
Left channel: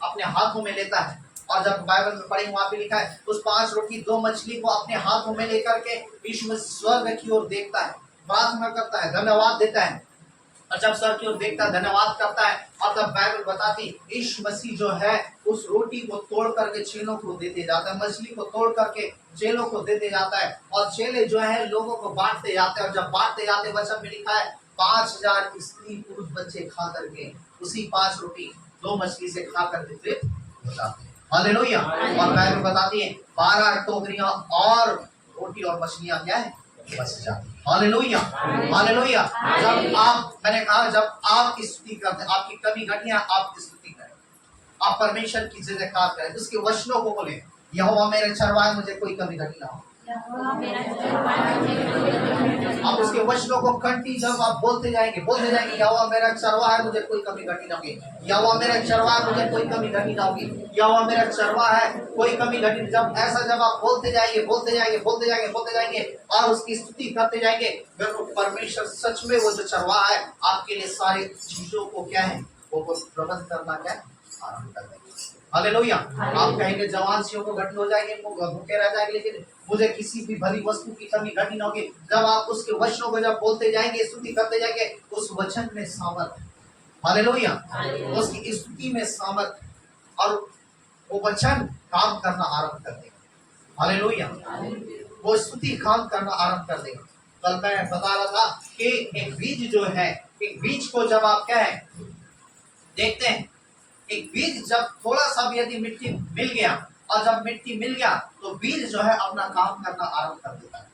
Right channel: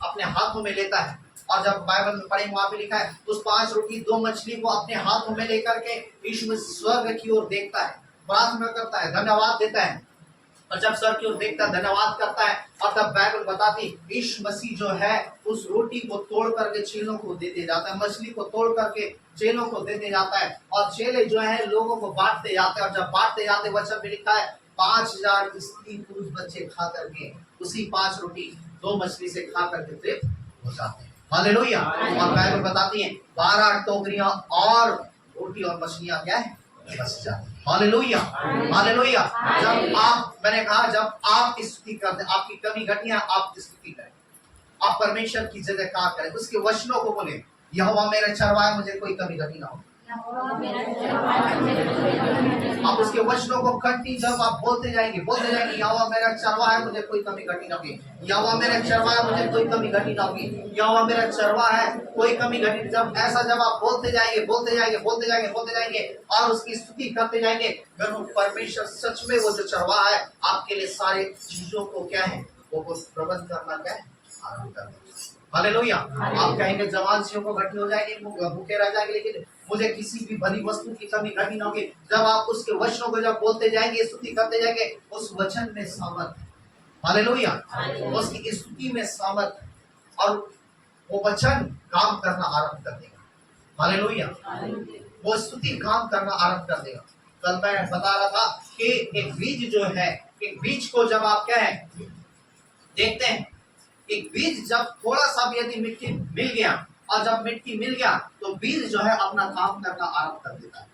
अपने हाथों में लेता है, और जब बाइबल में पढ़ेंगे वहां पे लिखा है उस 5 रोटी 2 मछली को अपने हाथों में लेकर के यीशु मसीह स्वर्ग की ओर देखता है, प्रार्थना करता है, धन्यवाद देता है, और जब स्वर्ग की ओर देखता है धन्यवाद करता है, और तब बाइबल बताती यीशु मसीह जो है उस रोटी को तोड़ करके चेलों को देते जाता है, मछली को तोड़ करके चेलों को देते जाता है, और चेले जो है लोगों को बांटते जाते हैं। और जब बांटते जाते वचन में लिखा है 5000 स्त्री पुरुष बच्चे खा करके उसी 5 रोटी 2 मछली से खा करके तृप्त हो जाते हैं। हालेलुया। और बाइबल बताती है 12 टोकरियां और रोटी और मछलियां क्या है बच जाती है। हालेलुया। हालेलुया। जब आप, मैंने कहा जब आप स्तुति करते हैं, आपकी कमी घटियां आप स्तुति करें, आप परमेश्वर की जय जयकार करें, उसके वचनों को बोले यहोवा मेरा चरवाहा मुझे कोई कमी घटी ना हो। आप उसके वचनों को कंटी जब आप बोलते जाएंगे यहोवा मेरा चरवाहा है मुझे कोई कमी घटी ना होगी, यहोवा मेरा चरवाहा है मुझे कोई कमी घटी ना होगी, यहोवा मेरा चरवाहा है कोई कमी घटी। जब ऐसा जब आप बोलते जाएंगे और उसकी स्तुति करते जाएंगे, फिर परमेश्वर सच में वो जो चरवाहा है आपके लिए सारी चीजों को क्या है वो प्रबंध करना क्या है आरंभ कर देंगे। हालेलुया। आप कहेंगे जवान सियों को घटी हो जाएंगे, भूखे रह जाएंगे, लेकिन मुझे किसी भी भली वस्तु की कमी घटी ना होगी। जब आप उसके वचनों को जब बोलते जाएंगे, स्तुति करते जाएंगे, उस वचन में सामर्थ, हालेलुया, उसकी स्तुति में सामर्थ, और वो वचन काम करना आरंभ कर देगा। हालेलुया। वो स्तुति काम करना आरंभ कर देगा। कल मैं बता रहा था कि एक बीज जो है, एक बीज को जब आप क्या है देखते हैं, एक बीज जब थोड़ा सा भी यदि मिट्टी मिल गया, और जब मिट्टी मिल गया तो बीज जो है अपना काम करना आरंभ कर देता है।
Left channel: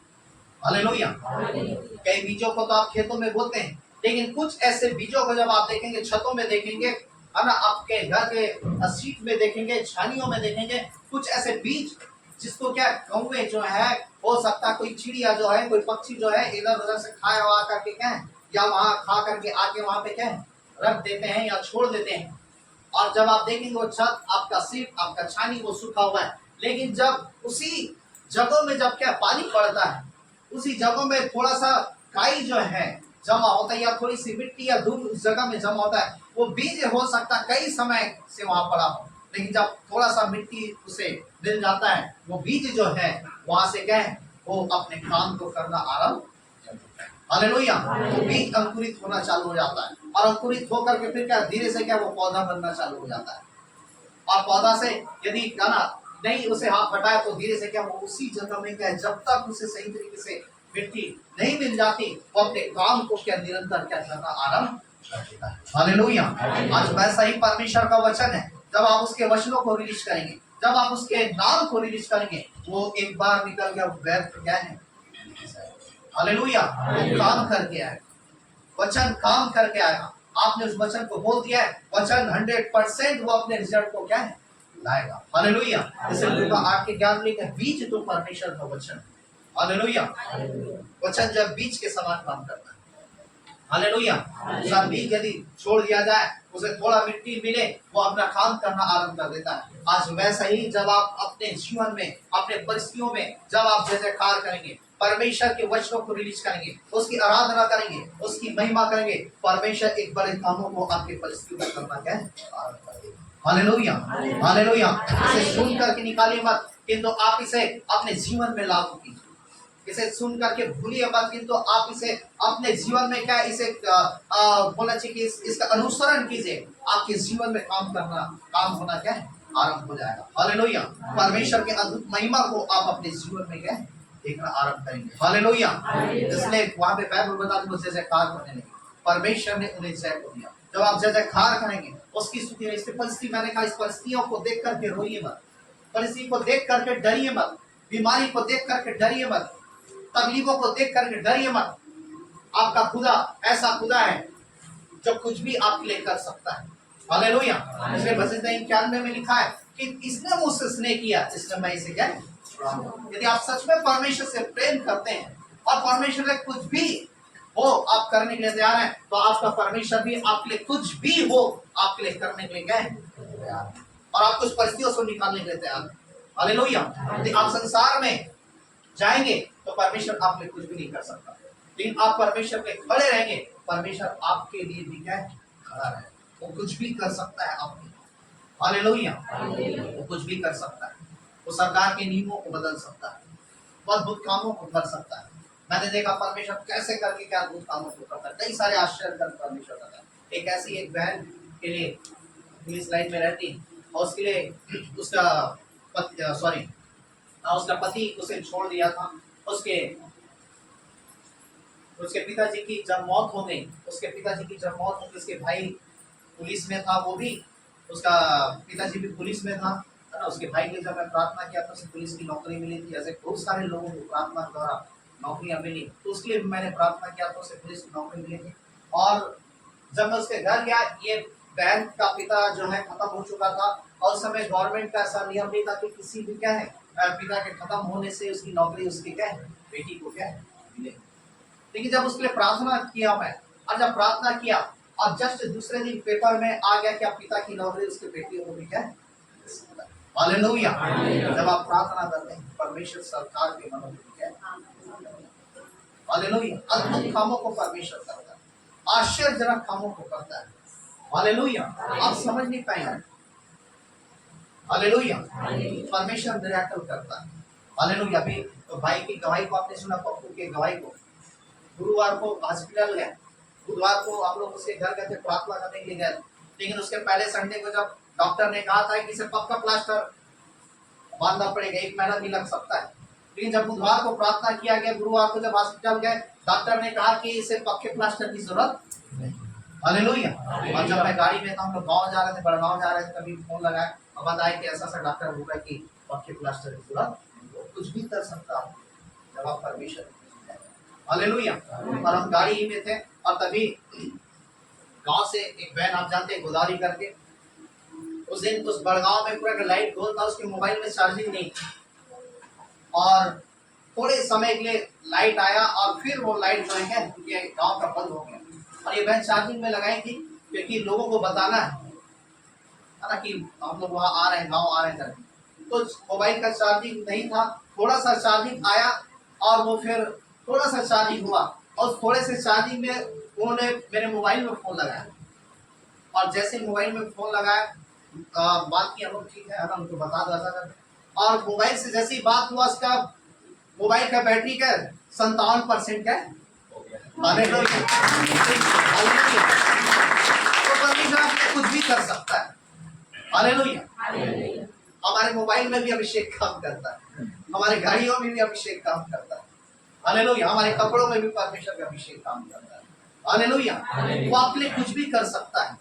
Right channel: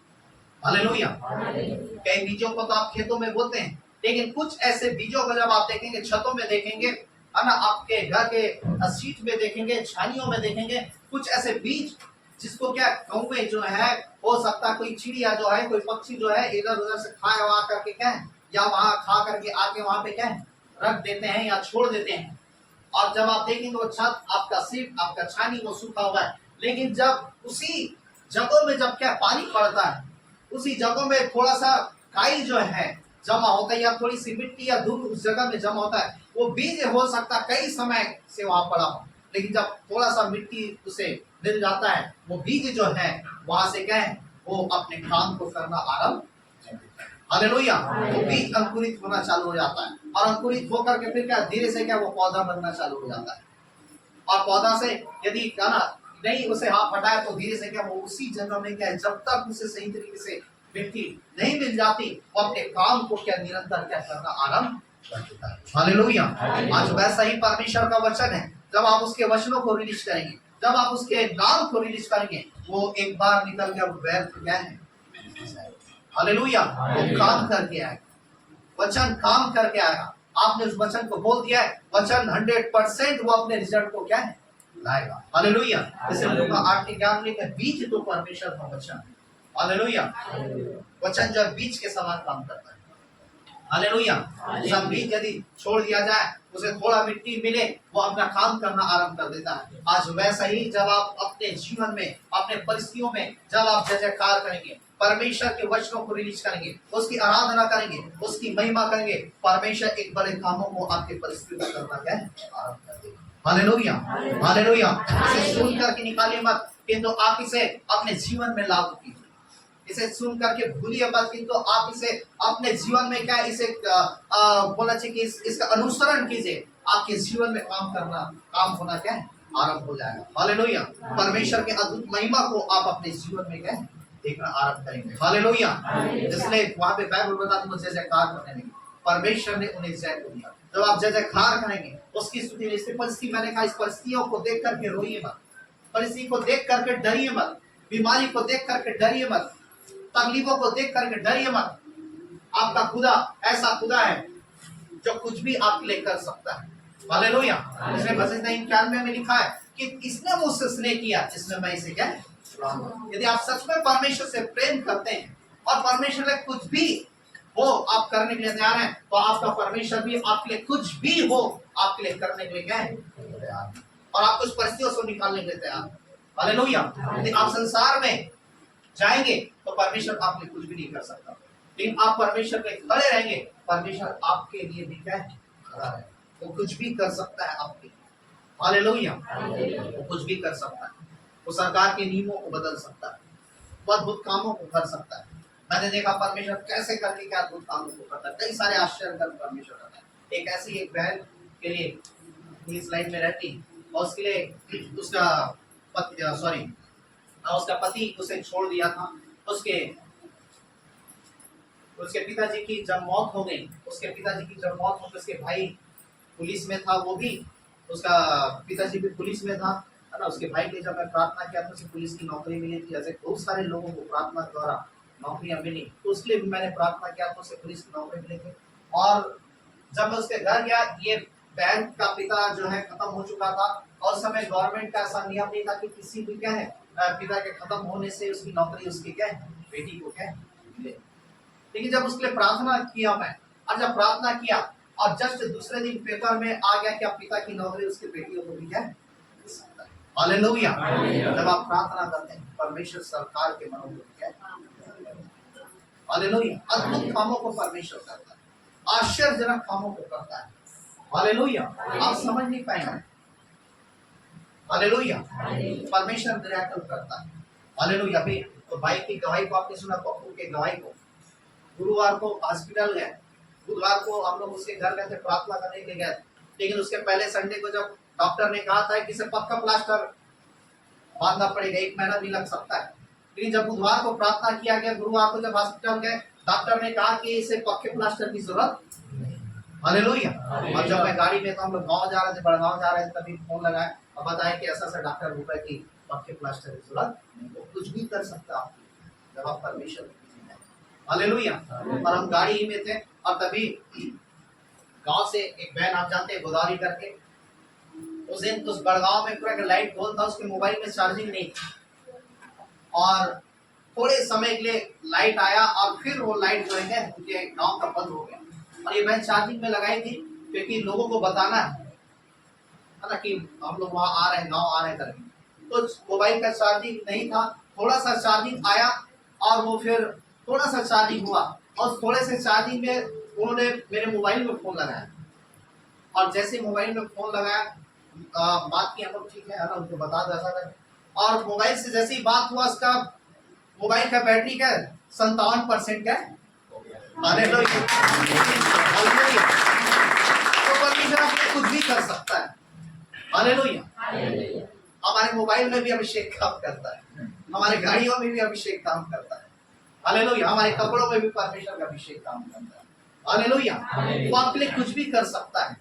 हालेलुया। कई बीजों को तो आप खेतों में बोते हैं, लेकिन कुछ ऐसे बीजों को जब आप देखेंगे छतों में देखेंगे, है ना, आपके घर के सीट में देखेंगे, छानियों में देखेंगे, कुछ ऐसे बीज जिसको क्या कौवे जो है, हो सकता है कोई चिड़िया जो है, कोई पक्षी जो है इधर उधर से खाया हुआ करके क्या है, या वहां खा करके आके वहां पे क्या है रख देते हैं या छोड़ देते हैं। और जब आप देखेंगे वो छत, आपका सीट, आपका छानी वो सूखा हुआ है, लेकिन जब उसी जगहों में जब क्या पानी पड़ता है, उसी जगहों में थोड़ा सा काई जो है जमा होता है, या थोड़ी सी मिट्टी या धूल उस जगह में जमा होता है, वो बीज हो सकता है कई समय से वहां पड़ा हो, लेकिन जब थोड़ा सा मिट्टी उसे मिल जाता है, वो बीज जो है वहां से क्या है, वो अपने काम को करना आरंभ कर देता है। हालेलुया। तो बीज अंकुरित होना चालू हो जाता है, और अंकुरित होकर के फिर क्या धीरे से क्या वो पौधा बनना चालू हो जाता है। और पौधा से यदि क्या ना नहीं उसे हाथ हटाया तो धीरे से क्या वो उसी जगह में क्या है, जब तक उसे सही तरीके से मिट्टी नहीं मिल जाती, वो अपने काम को क्या निरंतर क्या करना आरंभ कर देता है। हालेलुया। आज वैसा ही परमेश्वर का वचन है, जब आप उसके वचनों को रिलीज करेंगे, जब आप उसके नाम को रिलीज करेंगे, वो एक बार निकल गया व्यर्थ क्या है। हालेलुया। वो काम करके आएगा, वचन काम करके आएगा। आपने उस वचन को बोल दिया है, वचन 100% वो अपने रिजल्ट को क्या है लाएगा। हालेलुया। जैसे लूका 8 के 11 लिखा है, बीज तो परमेश्वर का वचन है। हालेलुया। वचन जो बीज के समान काम करता है। हालेलुया। सब बीज यदि छोड़ दिया जाए, उसे थोड़ा मिट्टी मिले, वो अपना काम करना आरंभ कर देता है। आज वैसा ही जब आप अपने जीवन में, अपने परिस्थितियों में जब आप जय जयकार करेंगे, परमेश्वर के वचनों को रिलीज करेंगे, उसकी आराधना करेंगे, उसकी महिमा करेंगे, परमेश्वर एक बड़े कामों को आपके परिस्थितियों में करना क्या है आरंभ कर देगा। हालेलुया। हालेलुया। इसे सुन करके निकालिए मत, किंतु आप इसे अपने जीवन में लागू कीजिए। इसे सुन करके भूलिए मत, किंतु आप इसे अपने जीवन में क्या इसे बोलना चाहिए कि इसका अनुसरण कीजिए। आपके जीवन में काम होना क्या है आरंभ हो जाएगा। हालेलुया। परमेश्वर के अद्भुत महिमा को आप अपने जीवन में क्या है देखना आरंभ करेंगे। हालेलुया। इसलिए वहां पे बाइबल बताती है जय जयकार करने लगी, परमेश्वर ने उन्हें जय को दिया। जब आप जय जयकार करेंगे, उसकी स्तुति में, इस परिस्थिति मैंने कहा, इस परिस्थितियों को देख करके रोइए मत, परिस्थिति को देख करके डरिए मत, बीमारी को देख करके डरिए मत, तकलीफों को देख करके डरिए मत। आपका खुदा ऐसा खुदा है जो कुछ भी आपके लिए कर सकता है। हालेलुया। इसमें भजन 91 में लिखा है कि इसने मुझसे स्नेह किया, इसलिए मैं इसे क्या यदि आप सच में परमेश्वर से प्रेम करते हैं और परमेश्वर ने कुछ भी हो आप करने के लिए तैयार हैं, तो आपका परमेश्वर भी आपके लिए कुछ भी हो आपके लिए करने के लिए क्या है तैयार है, और आप उस परिस्थितियों से निकालने के लिए तैयार है। हालेलुया। यदि आप संसार में जाएंगे तो परमेश्वर आप लिए कुछ भी नहीं कर सकता, लेकिन आप परमेश्वर पे खड़े रहेंगे, परमेश्वर आपके लिए भी क्या है खड़ा रहे, वो कुछ भी कर सकता है आपके लिए। हालेलुया। वो कुछ भी कर सकता है, वो सरकार के नियमों को बदल सकता है, वो अद्भुत कामों को कर सकता है। मैंने देखा परमेश्वर कैसे करके क्या अद्भुत कामों को करता है, कई सारे आश्चर्य कर परमेश्वर करता है। एक ऐसी एक बहन के लिए पुलिस लाइन में रहती, और उसके लिए उसका उसका पति उसे छोड़ दिया था। उसके पिताजी की जब मौत हो गई, उसके भाई पुलिस में था, वो भी उसका पिताजी भी पुलिस में था, है ना। उसके भाई के लिए जब मैं प्रार्थना किया तो उसे पुलिस की नौकरी मिली थी। ऐसे बहुत सारे लोगों को प्रार्थना द्वारा नौकरियां मिली, तो उसके लिए भी मैंने प्रार्थना किया तो उसे पुलिस की नौकरी मिली थी। और जब मैं उसके घर गया, ये बैंक का पिता जो है खत्म हो चुका था, और उस समय गवर्नमेंट का ऐसा नियम नहीं था कि किसी भी क्या है पिता के खत्म होने से उसकी नौकरी उसकी क्या है बेटी को क्या है मिले। लेकिन जब उसके लिए प्रार्थना किया मैं, और जब प्रार्थना किया और जस्ट दूसरे दिन पेपर में आ गया कि अब पिता की नौकरी उसके बेटियों को भी क्या है। हालेलुया। जब आप प्रार्थना करते हैं परमेश्वर सरकार के मनों को क्या है। हालेलुया। अद्भुत कामों को परमेश्वर करता है, आश्चर्यजनक कामों को करता है। हालेलुया। आप समझ नहीं पाएंगे। हालेलुया। परमेश्वर मिरेकल करता है। हालेलुया। अभी तो भाई की गवाही को आपने सुना, पप्पू के गवाही को, गुरुवार को हॉस्पिटल गए, बुधवार को हम लोग उसके घर गए थे, प्रार्थना करने के लिए गए, लेकिन उसके पहले संडे को जब डॉक्टर ने कहा था कि इसे पक्का प्लास्टर बांधना पड़ेगा, 1 महीना भी लग सकता है, लेकिन जब बुधवार को प्रार्थना किया गया, गुरुवार को जब हॉस्पिटल गए, डॉक्टर ने कहा कि इसे पक्के प्लास्टर की जरूरत नहीं। हालेलुया। और जब मैं गाड़ी में था, हम लोग गाँव जा रहे थे, बड़गांव जा रहे थे, तभी फोन लगाया और बताया कि ऐसा डॉक्टर बोला कि पक्के प्लास्टर की जरूरत नहीं, वो कुछ भी कर सकता है जब आप परमेश्वर। हालेलुया। और हम गाड़ी ही में थे, और तभी गांव से एक बहन, आप जानते हैं गोदावरी करके, उस दिन उस बड़गांव में पूरा लाइट गोल था, उसके मोबाइल में चार्जिंग नहीं थी, और थोड़े समय के लिए लाइट आया और फिर वो लाइट जो है उनके गांव का बंद हो गया, और ये बहन चार्जिंग में लगाई थी क्योंकि लोगों को बताना है ना कि हम लोग वहाँ आ रहे हैं, गाँव आ रहे हैं करके। तो मोबाइल का चार्जिंग नहीं था, थोड़ा सा चार्जिंग आया, और वो फिर थोड़ा सा चार्जिंग हुआ, और थोड़े से चार्जिंग में उन्होंने मेरे मोबाइल में फोन लगाया, और जैसे मोबाइल में फोन लगाया, बात की हम लोग ठीक है ना, उनको बता दो ऐसा कर, और मोबाइल से जैसे ही बात हुआ, उसका मोबाइल का बैटरी का 57% क्या है? हालेलुया। हालेलुया। तो परमेश्वर आपके कुछ भी कर सकता है। हालेलुया। हमारे मोबाइल में भी अभिषेक काम करता है, हमारे गाड़ियों में भी अभिषेक काम करता है। हालेलुया। हमारे कपड़ों में भी परमेश्वर का अभिषेक काम करता है। हालेलुया। वो आपके लिए कुछ भी कर सकता है।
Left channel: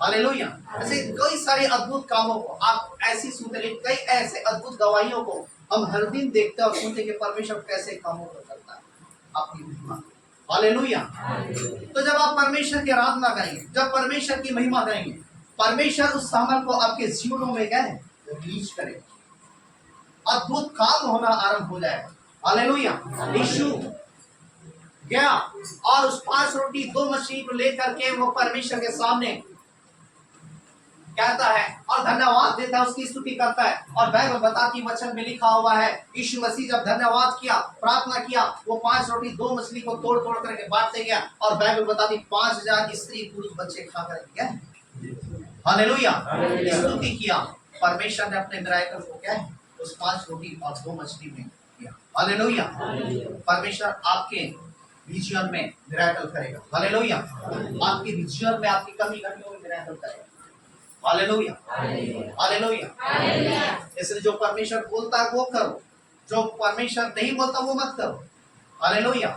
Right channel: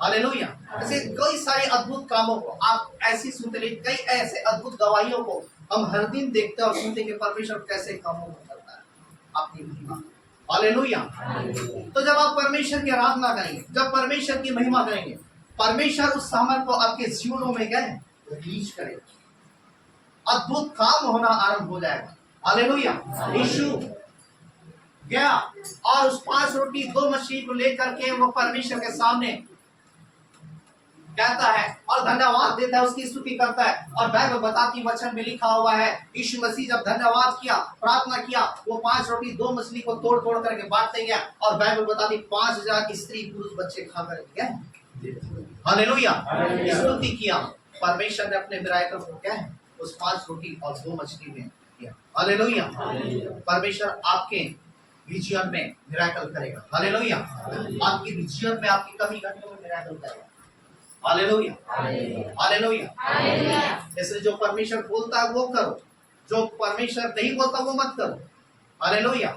हालेलुया। ऐसे कई सारे अद्भुत कामों को आप ऐसी सुनते रहे, कई ऐसे अद्भुत गवाहियों को हम हर दिन देखते और सुनते कि परमेश्वर कैसे कामों को करता है अपनी महिमा। हालेलुया। तो जब आप परमेश्वर की आराधना करेंगे, जब परमेश्वर की महिमा करेंगे, परमेश्वर उस सामर्थ को आपके जीवनों में क्या है रिलीज करेगा। अद्भुत काम होना आरंभ हो जाएगा। हालेलुया। यीशु गया और उस 5 रोटी 2 मछली को लेकर के वो परमेश्वर के सामने कहता है और धन्यवाद देता है, उसकी स्तुति करता है। और बाइबल बताती वचन में लिखा हुआ है, यीशु मसीह जब धन्यवाद किया, प्रार्थना किया, वो 5 रोटी 2 मछली को तोड़ तोड़ करके बांटते गया। और बाइबल बताती 5000 की स्त्री पुरुष बच्चे खा कर गए। हालेलुया। स्तुति किया। परमेश्वर ने अपने मिराकल को क्या है उस 5 रोटी और 2 मछली में किया। हालेलुया। परमेश्वर आपके जीवन में मिराकल करेगा। हालेलुया। आपकी जीवन में आपकी कमी घटियों में मिराकल करेगा। हालेलुया। हालेलुया। इसलिए जो परमेश्वर बोलता है वो करो, जो परमेश्वर नहीं बोलता वो मत करो। हालेलुया।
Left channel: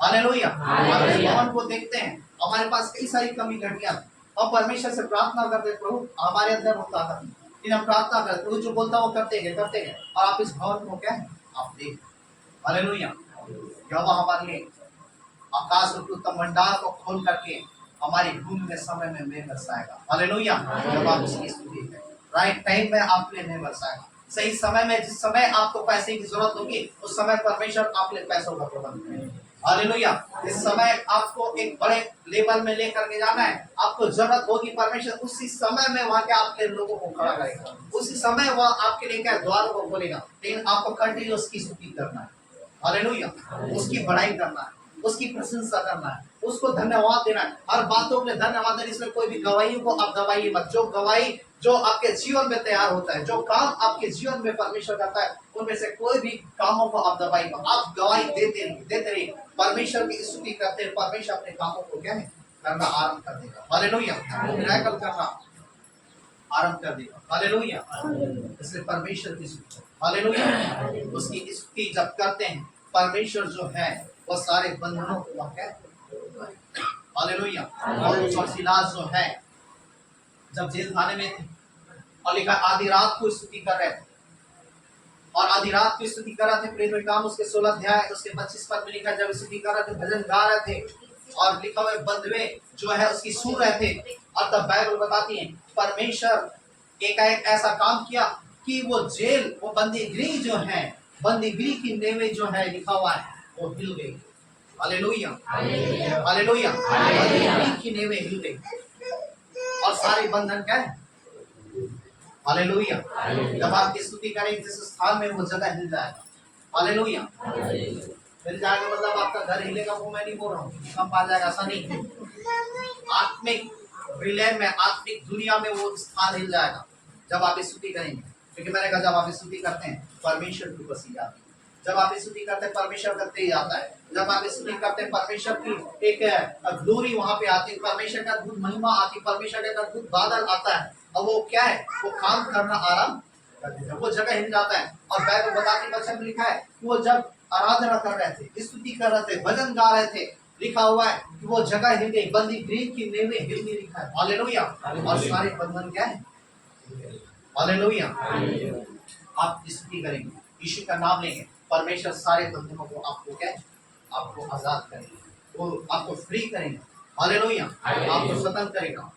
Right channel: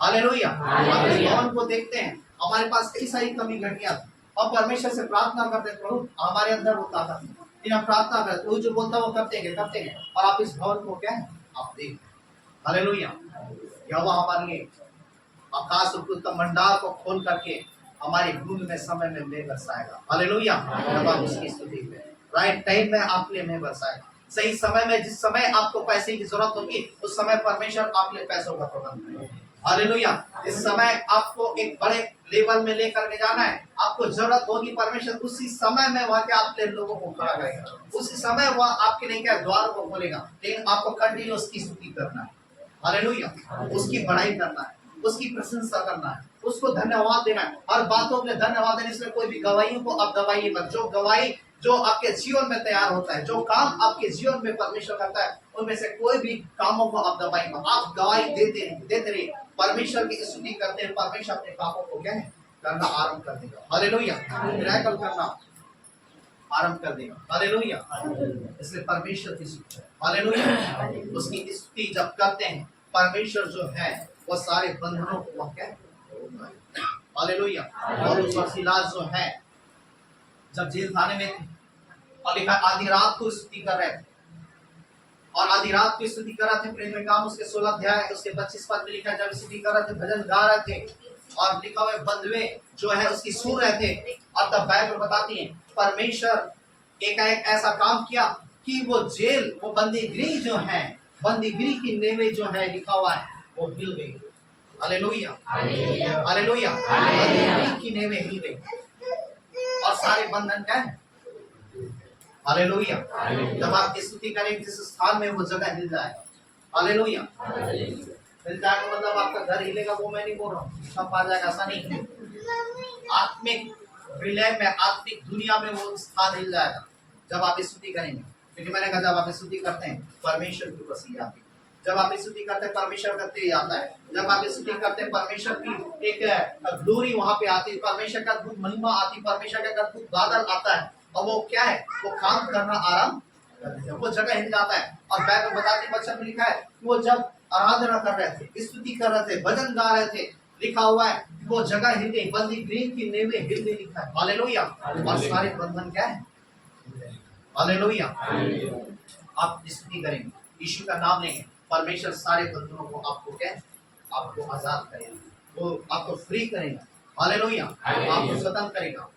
हालेलुया। हमारे भवन को देखते हैं, हमारे पास कई सारी कमी घटियां, और परमेश्वर से प्रार्थना करते प्रभु हमारे अंदर वो ताकत नहीं, लेकिन हम प्रार्थना करते प्रभु जो बोलता वो करते हैं और आप इस भवन को क्या है आप देख। हालेलुया। यहोवा हमारे लिए आकाश और पृथ्वी मंडार को खोल करके हमारे गुण में समय में मेघ बरसाएगा। हालेलुया। जब आप उसकी स्तुति करें, राइट टाइम में आपके लिए मेघ बरसाएगा। सही समय में, जिस समय आपको पैसे की जरूरत होगी उस समय परमेश्वर आपके लिए पैसों का प्रबंध करेगा। हालेलुया। इस समय आपको एक बड़े लेवल में लेकर के जाना है, आपको जरूरत होगी, परमेश्वर उसी समय में वहां के आपके लोगों को खड़ा करेगा, उसी समय वह आपके लिए क्या द्वारों को खोलेगा। लेकिन आपको कंटिन्यू उसकी स्तुति करना है। हालेलुया। उसकी बढ़ाई करना है, उसकी प्रशंसा करना है, उसको धन्यवाद देना है, हर बातों के लिए धन्यवाद देना। इसमें कोई भी गवाही को आप गवाही मत, जो गवाही जो आपके जीवन में तैयार होता है, जो काम आपके जीवन में परमेश्वर करता है, उनमें से कोई भी कामों को आप गवाही मत, आप गवाही देते रहिए। परमेश्वर की स्तुति करते हैं, परमेश्वर अपने कामों को क्या है करना आरंभ कर देगा। हालेलुया। मिराकल करना आरंभ कर देगा। हालेलुया। इसलिए परमेश्वर की स्तुति, हालेलुया, उसकी स्तुति जब करते हैं, परमेश्वर जो है वो सारे बंधनों को वह क्या हालेलुया। और उस सिलास जो है जब जेल खाने में थे और लिखा आधी रात को स्तुति कर रहे थे, और आधी रात को स्तुति कर रहे थे। प्रेरितों के काम उसके 16 अध्याय उसके 25 पद में लिखा, जब स्तुति कर रहे थे, भजन गा रहे थे, और लिखा हुआ बंधुए जो है उसकी सुन रहे थे। और तब बाइबल बताती है परमेश्वर एकाएक ऐसा काम किया कि वो जेल, वो बंदीगृह जो है, बंदीगृह की नेवें जो है लिखा हुआ है वो हिल गई। हालेलुया। हालेलुया। बंदीगृह की नेवें हिल गई और सारे बंधन क्या है। हालेलुया। जब आप स्तुति करेंगे जिस स्थान में वो जगह हिल जाएगा। हालेलुया। हिल जाएगा मतलब आपका घर हिलेगा, वो मैं नहीं बोल रहा हूँ, सब आ जाएगा, ऐसा नहीं। आत्मिक विलय में, आत्मिक दुनिया में वो स्थान हिल जाएगा जब आप स्तुति करेंगे। क्योंकि मैंने कहा जब आप स्तुति करते हैं परमेश्वर की उपस्थिति आती है, जब आप स्तुति करते हैं परमेश्वर का तेज आता है, जब आप स्तुति करते हैं परमेश्वर की एक ग्लोरी वहां पे आती है, परमेश्वर का अद्भुत महिमा आती है, परमेश्वर का अद्भुत बादल आता है, और वो क्या है वो काम करना आरंभ कर देता है, वो जगह हिल जाता है। और बाइबल बताती वचन में लिखा है कि वो जब आराधना कर रहे थे, स्तुति कर रहे थे, भजन गा रहे थे, लिखा हुआ है कि वो जगह हिल गई, बंदीगृह की नेवें हिल गई, लिखा है। हालेलुया। और सारे बंधन क्या है। हालेलुया। आप स्तुति करेंगे, यीशु का नाम लेंगे, परमेश्वर सारे बंधनों को आपको क्या है आपको आजाद करेगा, वो आपको फ्री करेगा। हालेलुया। आपको स्वतंत्र करेगा।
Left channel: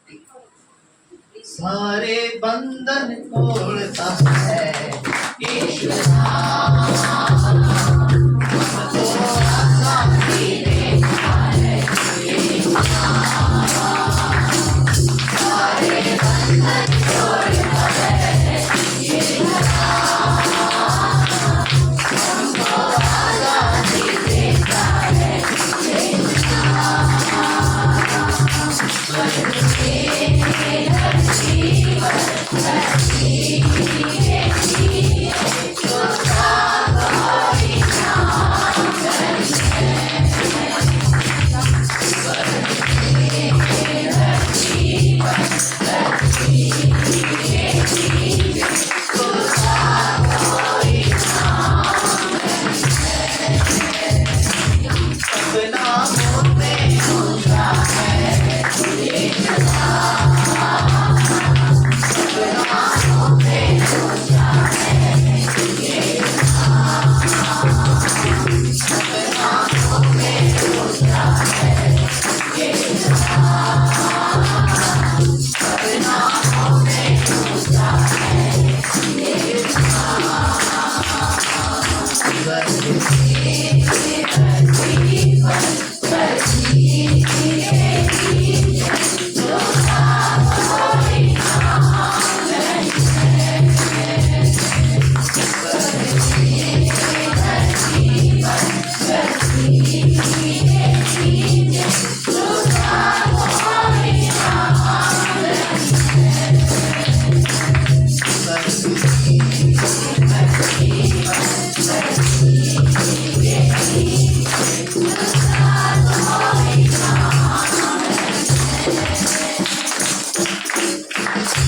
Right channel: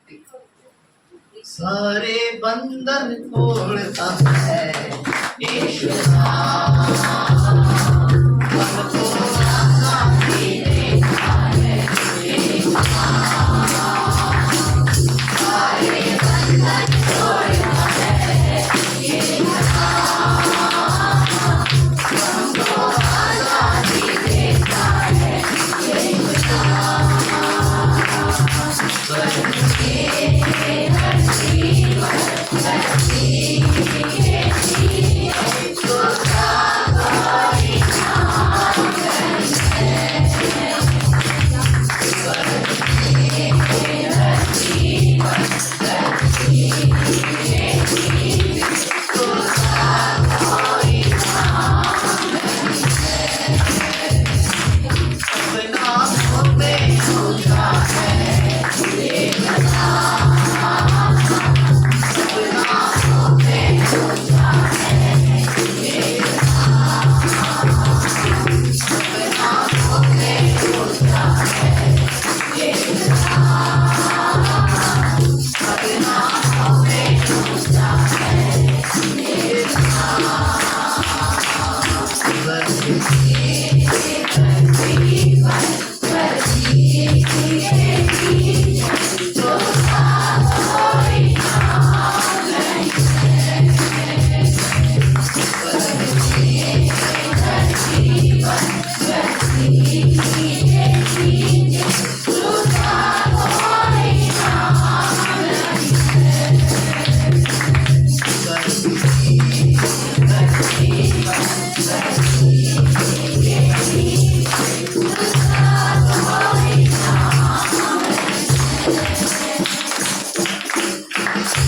सारे बंधन तोड़ता है यीशु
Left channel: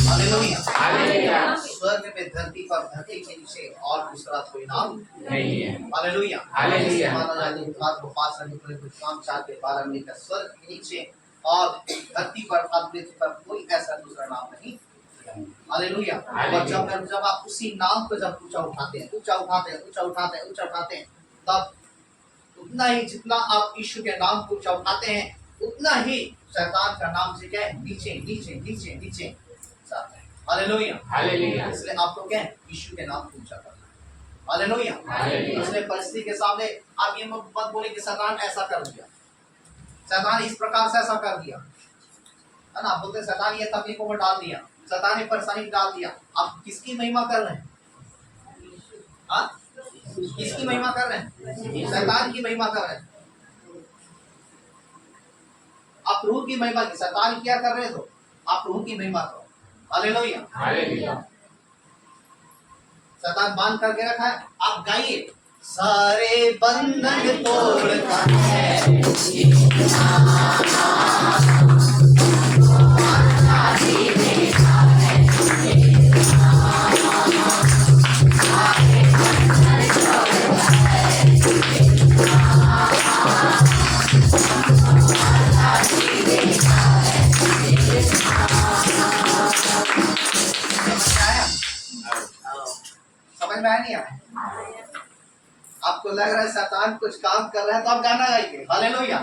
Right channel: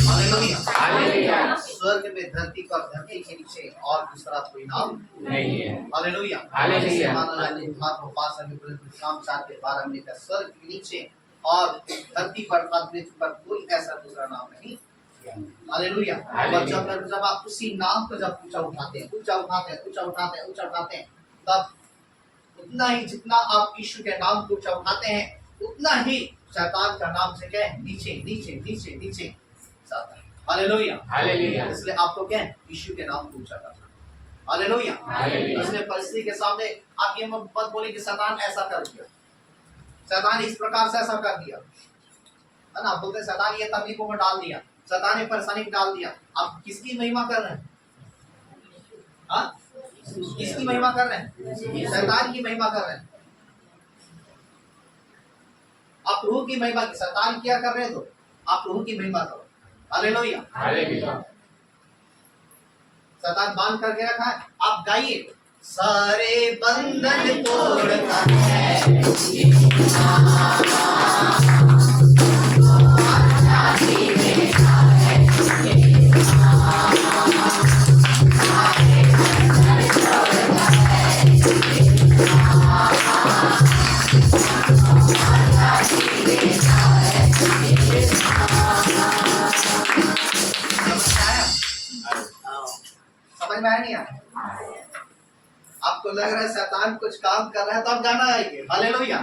हालेलुया। स्वर्ग में धरती पर धरती के नीचे और दूसरा कोई नाम नहीं है। हालेलुया। हालेलुया। माना जाता है बात को पास करने के लिए काम 4:12 में का स्वर्ग के नीचे और धरती पर पृथ्वी पर कोई ऐसा दूसरा नाम नहीं। हालेलुया। और जब आप उसी नाम को जब ऊंचा उठाते हैं तब उतना ही जितना आप यीशु के नाम को ऊंचा उठाते हैं उतना ही शैतान का नाम से क्या है नीचे नीचे नीचे नीचे जाता है। हालेलुया। हालेलुया। इसलिए आपको क्या है यीशु के नाम को ऊंचा करना। हालेलुया। हालेलुया। इसलिए परिस्थिति के सामने आप ये मत बोले कि शैतान ऐसा कर दिया, शैतान इस प्रकार से ऐसा कर दिया, है ना। आप बोलते हैं शैतान ये तकलीफों में डाल दिया, शैतान ये परेशानी में डाल दिया। आप किसकी महिमा कर रहे हैं? हाँ, किसकी महिमा कर रहे हैं? शैतान की महिमा कर रहे हैं। आप रूह की महिमा की, शैतान क्या कर रहे हो? आप रूह की महिमा करो। हालेलुया। हालेलुया। शैतान बांध करके रखा है, आप गाइए सारे बंधन तोड़ता है। समझ में आया नहीं आया? आपको लग रहा है शैतान कुछ काम कर रहा है तो आप गाना गाइए हालेलुया।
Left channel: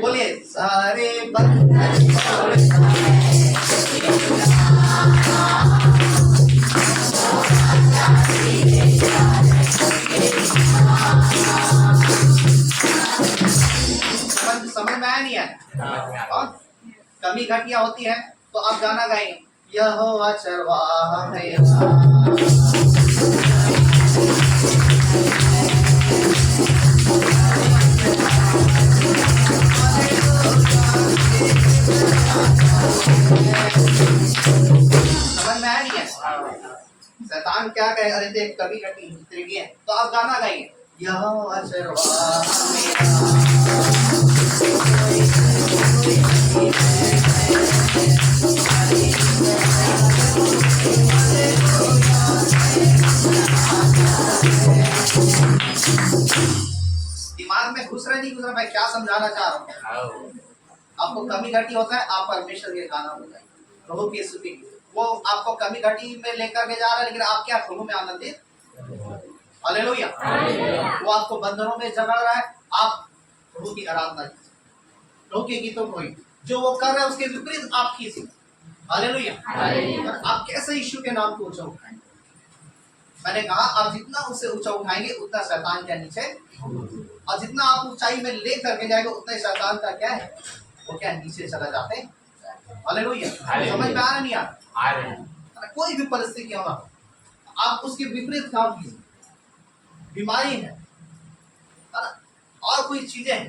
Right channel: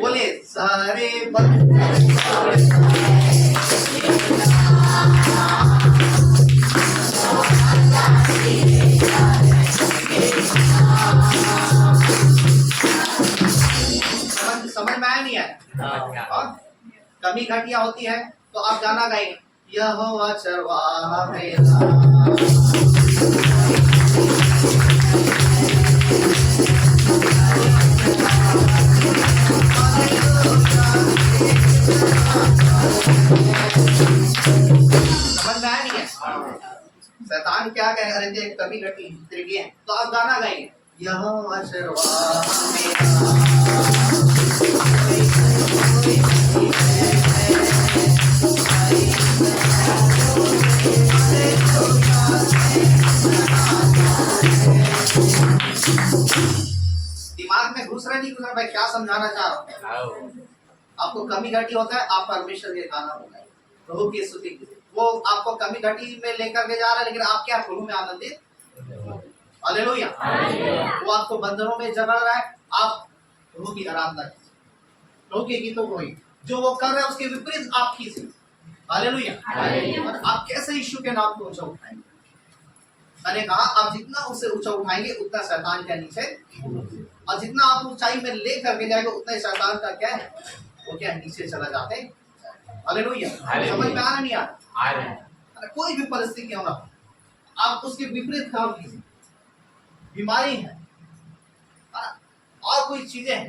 बोलिए सारे बंधन समझ में आया नहीं आया? और कमी घटिया होती है तो आप गाना गाएंगे यहोवा चरवाहा मेरा। समझ में आया नहीं है? शैतान क्या कह रहे थे कभी घटी त्रिगी है तो आप गाना गाइए यहोवा चरवाहा मेरा। दिमाग में घुस रहा नहीं घुस रहा, मैं क्या समझाना चाह रहा हूँ? आपको कमी घटी होता है आप परमेश्वर के गाना होगा प्रभु की स्तुति की, वो आपको कमी घटी में लेकर के जा रहा है लेकिन आप क्या प्रभु में आनंदित। हालेलुया। वो आपको बंधनों में जकड़ रहा है, आप प्रभु की आराधना कीजिए, प्रभु के गीतों को जो वो कर रहे हैं उसके विपरीत आप कीजिए। हालेलुया। और आप कैसे यीशु के नाम को ऊंचा उठाएंगे? मैंने कहा आप जितना उसे ऊंचा उठाएंगे उतना शैतान के नीचे, और जितना आप ऊंचाई में ले करके जाएंगे उतना शैतान का क्या है वो क्या है नीचे चला जाते हैं। हालेलुया। समझ में आ रहा नहीं आ रहा? कोई भी परिस्थिति क्यों ना हो आप उसके विपरीत काम कीजिए। बीमारी है और कोई चीजें हैं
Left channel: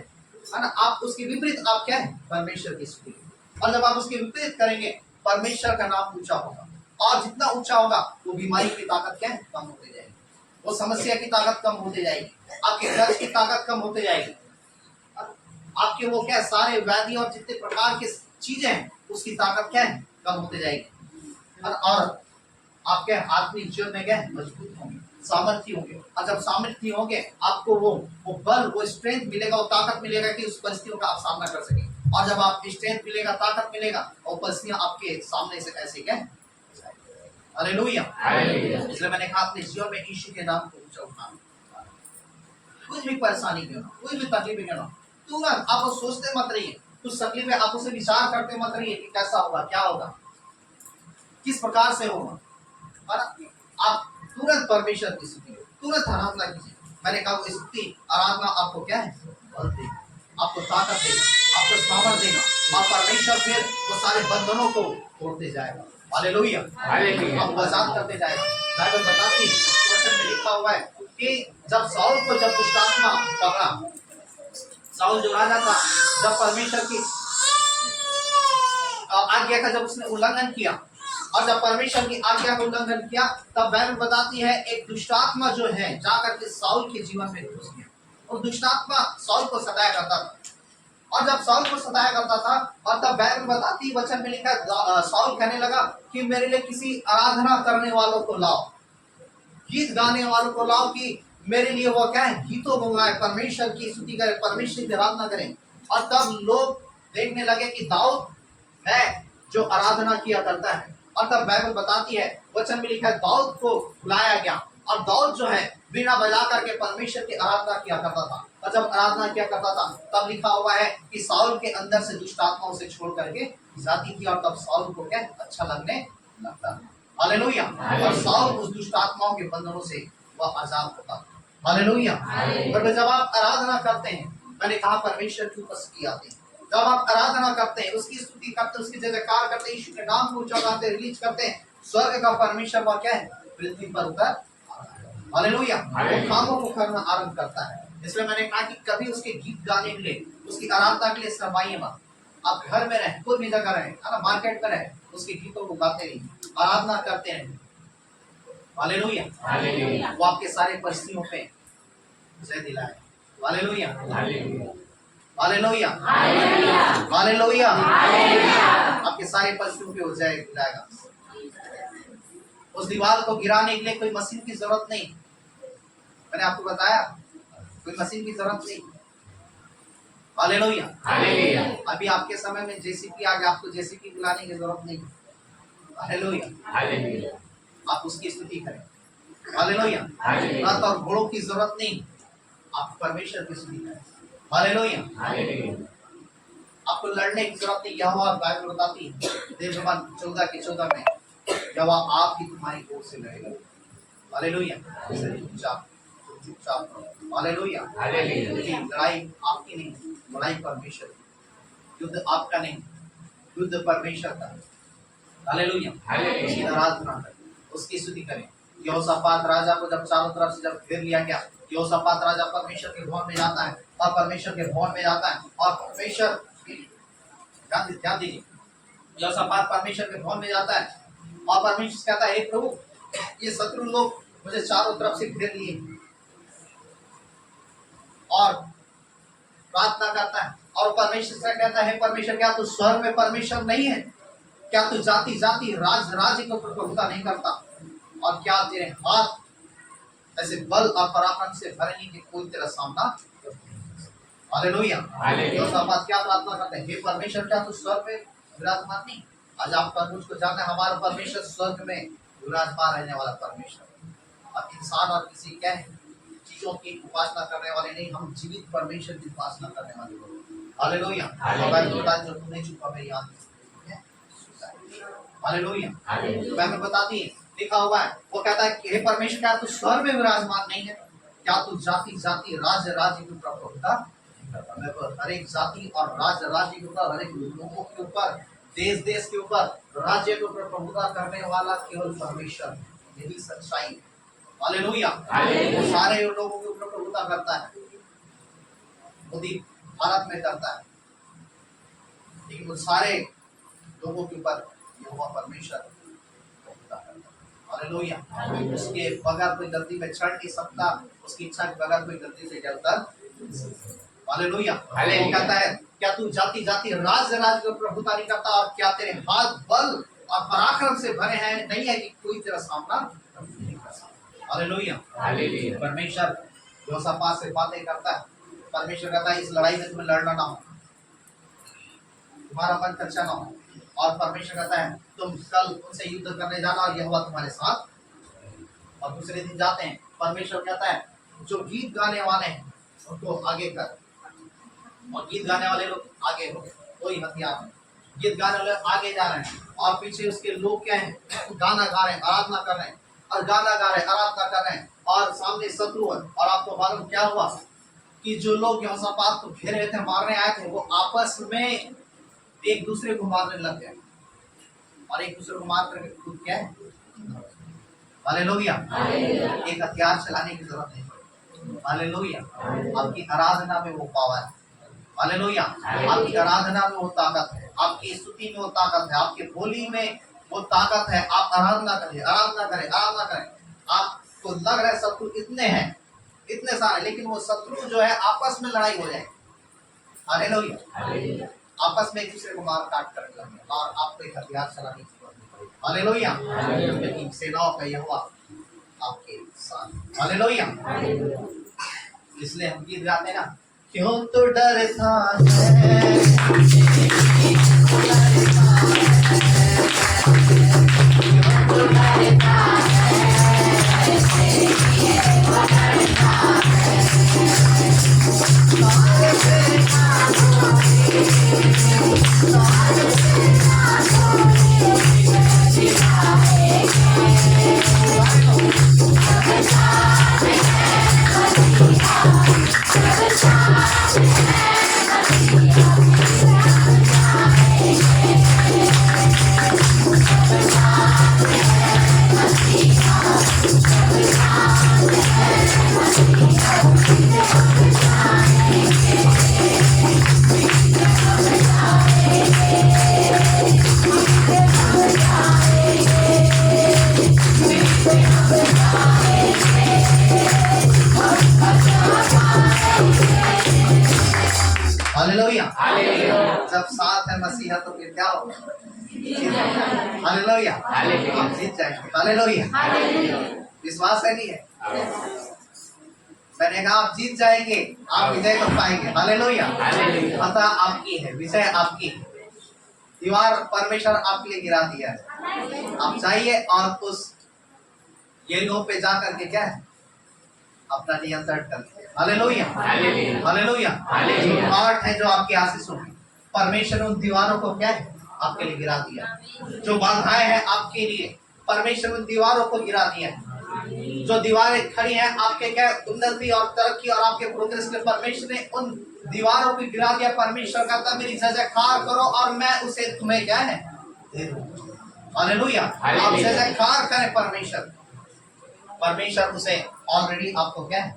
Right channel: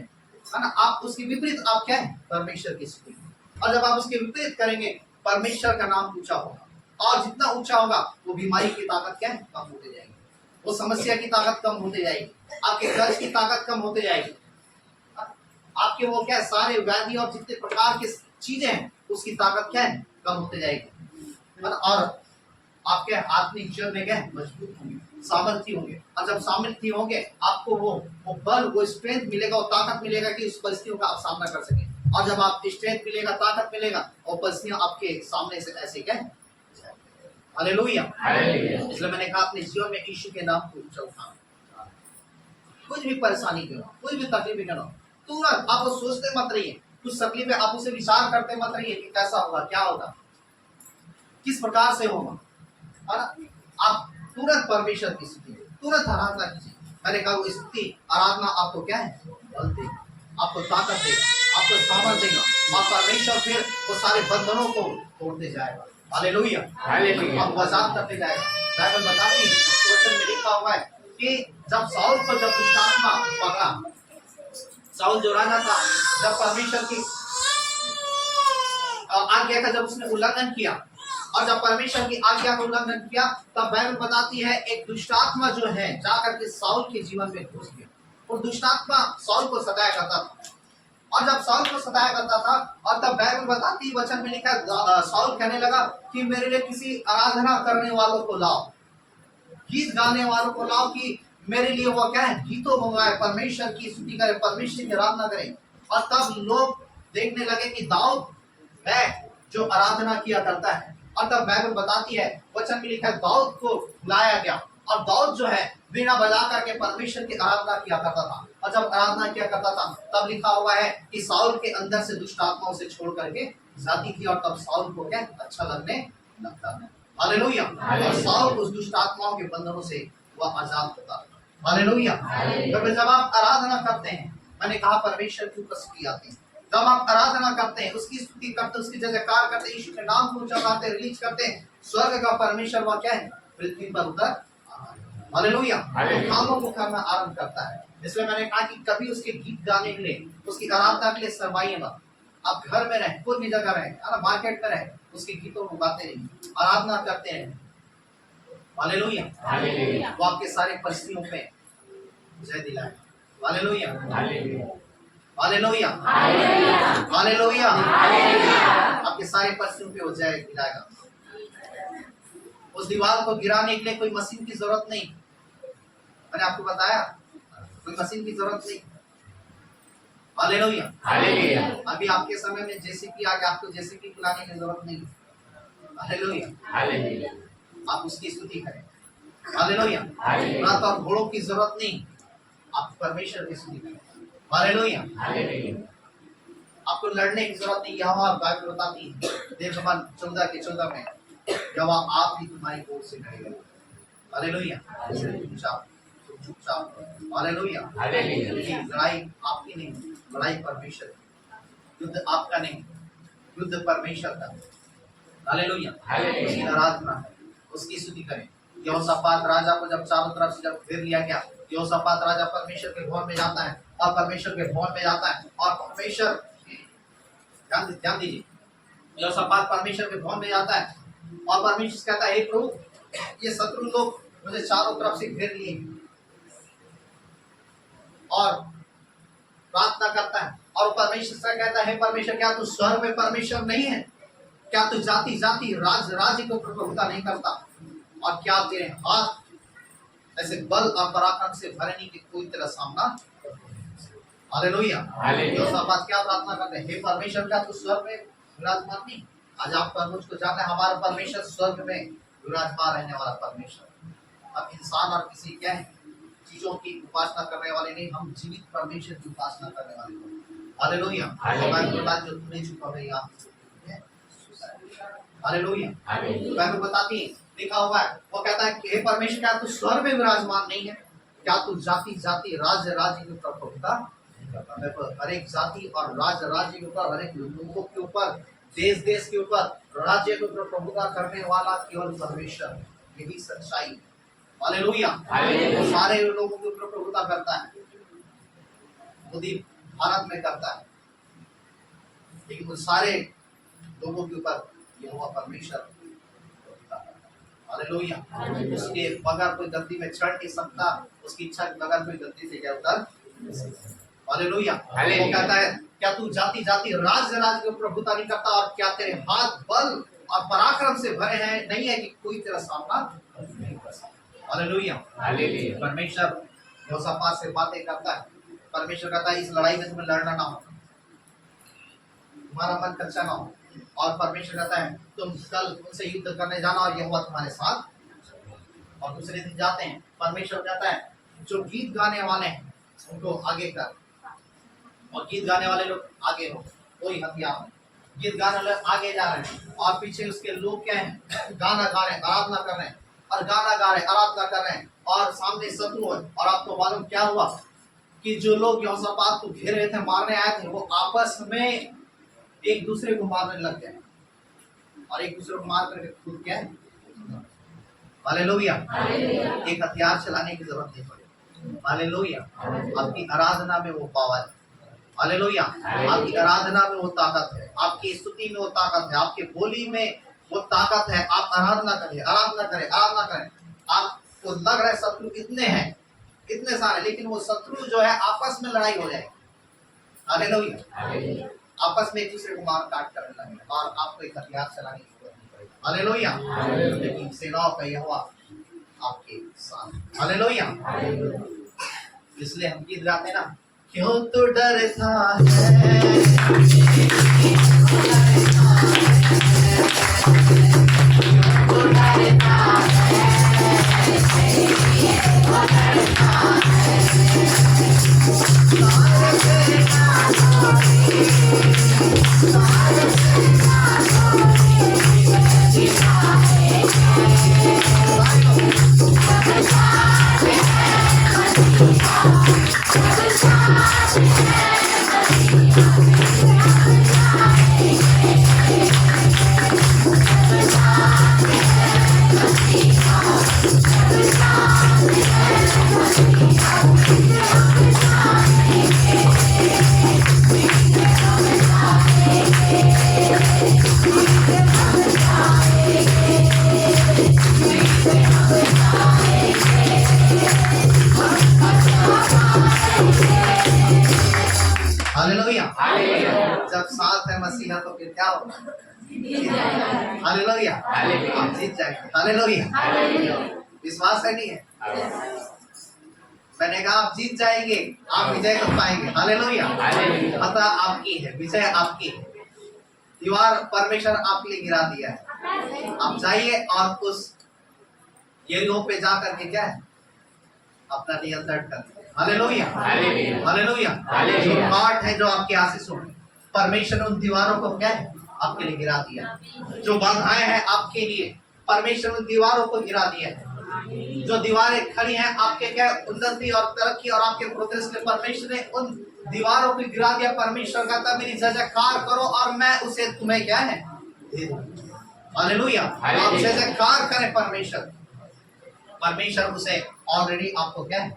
है ना, आप उसके विपरीत आप क्या है परमेश्वर की स्तुति। और जब आप उसके विपरीत करेंगे परमेश्वर का नाम ऊंचा होगा, और जितना ऊंचा होगा वो बीमारी की ताकत क्या है कम होते जाएगी, वो समस्या की ताकत कम होते जाएगी, आपके कर्ज की ताकत कम होते जाएगी, आपके वो क्या है सारे व्याधि और जितने प्रकार की चीजें हैं उसकी ताकत क्या है कम होते जाएगी। और आपके आत्मिक जीवन में क्या है मजबूत होंगे, सामर्थ्य होंगे, और जब सामर्थ्य होंगे आपको वो बल वो स्ट्रेंथ मिलेगा, वो ताकत मिलेगा कि उस परिस्थितियों का आप सामना कर सकें। और जब आप स्ट्रेंथ मिलेगा ताकत मिलेगा और परिस्थितियां आपके सामने से ऐसे क्या है। हालेलुया। इसलिए मैंने कहा अपने जीवन में यीशु के नाम को ऊंचा उठाना। कुछ भी परेशानी क्यों ना, कोई भी तकलीफ क्यों ना, तुरंत आप सोचते मत रहिए, कुछ तकलीफ है आप उसे विचार करते मत रहिए कि कैसा होगा, क्या होगा, किस प्रकार से होगा। और आप तुरंत परमेश्वर की स्तुति, तुरंत आराधना कीजिए। मैंने कहा वो स्तुति आराधना आपको क्या है, बल देगा, आपको ताकत देगा, आपको सामर्थ देगा, और परमेश्वर फिर वो सारे बंधनों को तोड़ते जाएगा। Hallelujah, hallelujah. आपको आजाद करते जाएगा। बाइबल बताती है, वचन में लिखा हुआ है कि जब साउल को जब दुष्ट आत्मा पकड़ा, साउल जो राजा था, जब परमेश्वर की आज्ञा का जब उसने उल्लंघन किया, और जब परमेश्वर की आज्ञा का उल्लंघन किया, तब बाइबल बताती है एक दुष्टात्मा जो है जाकर के साउल के जीवन में घुस गया। और दुष्टात्मा साउल को सताया करता था, और जब साउल को सताया करता था, और तब बाइबल बताती वचन में लिखा साउल कहने लगा कि मेरे लिए किसी आराधना करने वालों को लाओ, गीत गाने वालों को लाओ, कि मेरे लिए वो क्या है, गीतों मंगाए, परमेश्वर की स्तुति करें, परमेश्वर की आराधना करें। और तब लोग देखने लगे कि दाऊद है जो आराधना किया करता है। और तब बाइबल बताती है, वचन में लिखा है दाऊद को बुलाया गया, और दाऊद जो है बीड़ा बजा करके परमेश्वर की आराधना किया करता था। और जब आराधना किया करता था, तब लिखा हुआ है कि साउल के अंदर से दुष्ट आत्माओं से छोड़ करके जाती थी, और तब साउल को क्या अच्छा लगने लगता है। हालेलुया। और साउल उस दुष्ट आत्माओं के बंधनों से वह आजाद होता था। हालेलुया। तो जब आप आराधना करते हैं, मैंने कहा परमेश्वर की उपस्थिति आती है, जब आप आराधना करते हैं, उसकी स्तुति करते हैं, उसकी जय जयकार करते हैं, यीशु के नाम को ऊंचा करते हैं, रिलीज करते हैं, स्वर्ग का परमेश्वर वह क्या है, पृथ्वी पर उतर। हालेलुया। वो कामों को करना आरंभ करता है। इसलिए मैंने कहा कि कभी उसके गीत गाने के लिए, उसकी आराधना के लिए शर्माइए मत। आप घर में रहे, कोई भी जगह रहे, है ना, मार्केट में रहे, उसके गीतों को गाते रहिए, आराधना करते रहे। हालेलुया। वो आपके सारे परिस्थितियों पे जय दिलाए। Hallelujah, hallelujah, hallelujah. आपके सारे परिस्थितियों पे वो जय दिलाएगा। उस दीवार को गिराने के लिए कोई मशीन की जरूरत नहीं, मैंने आपको बताया, कोई मशीन की जरूरत नहीं। Hallelujah, hallelujah. अभी आपके समय में जेसीबी आ गया, आपको जेसीबी बुलाने की जरूरत नहीं। Hallelujah, hallelujah. आप उसकी स्तुति करें। Hallelujah, hallelujah. रथ और घोड़ों की जरूरत नहीं, आप परमेश्वर की स्तुति करें। Hallelujah, hallelujah. आपको लड़ने की जरूरत नहीं। यहोवा बाइबल बताती है देवजबान 14 में, यहोवा आप ही तुम्हारी ओर से लड़ेगा। हालेलुया, चुपचाप रहो। Hallelujah, hallelujah. लेकिन लड़ाई आपकी नहीं, लड़ाई परमेश्वर की। युद्ध आपका नहीं, युद्ध परमेश्वर का। Hallelujah, hallelujah. उसकी आराधना करें, उसकी स्तुति करें। यहोशापात राजा को जब चारों तरफ से जब घेर लिया गया, यहोशापात राजा परमेश्वर के भवन में जाता है, और परमेश्वर के भवन में जाता है, और परमेश्वर, ध्यान दीजिए, यहोशापात परमेश्वर के भवन में जाता है, और परमेश्वर कहता है हे प्रभु, ये शत्रु लोग मुझे चारों तरफ से घेर लिए, और प्रार्थना करता है, और परमेश्वर से कहता है हे परमेश्वर, क्या तू स्वर्ग में परमेश्वर नहीं है? क्या तू जाति जाति राज राज्य को प्रभुता नहीं करता? और क्या तेरे हाथ ऐसे बल और पराक्रम से भरे नहीं कि कोई तेरा सामना? हालेलुया। यहोशापात क्या प्रार्थना करते हैं? हे परमेश्वर, क्या तू स्वर्ग में विराजमान नहीं? आज आप मुझको जानते हैं, हमारा परमेश्वर स्वर्ग में विराजमान रहने वाला परमेश्वर। अब इंसान और किसी क्या है चीजों की उपासना करने वाले नहीं, हम जीवित परमेश्वर की उपासना करने वाले लोग। हालेलुया। बात जो तूने चुका है याद, हालेलुया। बाइबल बताती है, लिखा हुआ है, वो कहता है कि हे परमेश्वर, क्या तू स्वर्ग में विराजमान नहीं है? क्या तू जाति जाति राज्य राज्य की प्रभुता नहीं करता? मैं हर एक जाति और राज्य राज्य के ऊपर, हर एक लोगों के ऊपर, देश देश के ऊपर, राज्य के ऊपर प्रभुता करने वाला केवल परमेश्वर है। यही सच्चाई है। हालेलुया। वो सारे लोगों के ऊपर प्रभुता करता है। मोदी भारत में करता है, लेकिन वो सारे लोगों के ऊपर यहोवा परमेश्वर प्रभुता करता है। हालेलुया। उसके बगैर कोई गलती में चढ़ नहीं सकता, उसकी इच्छा के बगैर कोई गलती से क्या उतर। हालेलुया। वो कहता है क्या तू जाति जाति राज्य राज्य की प्रभुता नहीं करता? और क्या तेरे हाथ बल और पराक्रम से भरे हैं नहीं है कि कोई तेरा सामना नहीं कर सकता? हालेलुया। परमेश्वर यहोशापात से बातें करता है। परमेश्वर कहता है इस लड़ाई में तुम्हें लड़ना ना हो, तुम्हारा मन कच्चा ना हो। और परमेश्वर कहता है तुम कल उनसे युद्ध करने जाना, और यहोवा तुम्हारे साथ। और दूसरे दिन जाते हैं, परमेश्वर कहता है जो गीत गाने वाले हैं उनको आगे कर, और गीत गाने वाले लोग आगे हो, कोई हथियार नहीं। गीत गाने वाले आगे जा रहे हैं, और पीछे उसके लोग क्या हैं, गाना गा रहे हैं, आराधना कर रहे हैं, और गाना गा रहे हैं, आराधना कर रहे हैं। और सामने शत्रु है, और आपको मालूम क्या हुआ कि जो लोग यहोशापात को घेरे हुए थे, मारने आए थे, वो आपस में एक दूसरे को मारने लग गए, और एक दूसरे को मार करके खुद क्या है, हालेलुया, एक हथियार चलाने की जरूरत नहीं पड़ी। हालेलुया, आपकी आराधना में वो पावर है। हालेलुया, आपकी आराधना में वो ताकत है, आपकी स्तुति में वो ताकत है, आपके बोली में वो ताकत है। आप आराधना करें, आराधना करें, आराधना करें। आपको लग रहा है शत्रु कितने हैं, इतने सारे, लेकिन वो शत्रु जो है आपस में लड़ाई हो जाएगी। हालेलुया, आपस में एक दूसरे को मार काट करने लगे, और आपको एक हथियार चलाने की जरूरत नहीं पड़ेगी। हालेलुया, लेकिन सेनाओं का यहोवा आपके साथ। हालेलुया, इसलिए हम गीत गाते ना, क्यों तो डरता जब साथ है मसीहा तो फिर क्या होगा, हालेलुया, आप जीत जाएंगे। हालेलुया, विश्वास है नहीं है? मैंने कहा आप जीत जाएंगे, आप विजय कर पाएंगे। हालेलुया, फतह आपकी है, विजय आपकी है। दीवार परमेश्वर आपके लिए गिरा दिया है। आप जाइए और उस यरीहो पे जाकर के क्या है, अपना नियंत्रण कर लीजिए। हालेलुया, हालेलुया, जो पाठ है, जो आपके आशीषों में, परमेश्वर उन दीवारों को क्या है, आपके लिए गिरा दिया। जो बाधाएं हैं आपके लिए, परमेश्वर उन दीवारों को गिरा दिया है। जो दीवारें खड़ी हैं आपके क्या उन्नति और तरक्की और आपके प्रोग्रेस के, परमेश्वर ने उन दीवारों को गिरा दिया। परमेश्वर कहता मेरी जयकार करो और मैं उसे तुम्हें क्या है दे दूंगा। हालेलुया, आप जयकार करें परमेश्वर, परमेश्वर उसे ऑलरेडी आपको क्या है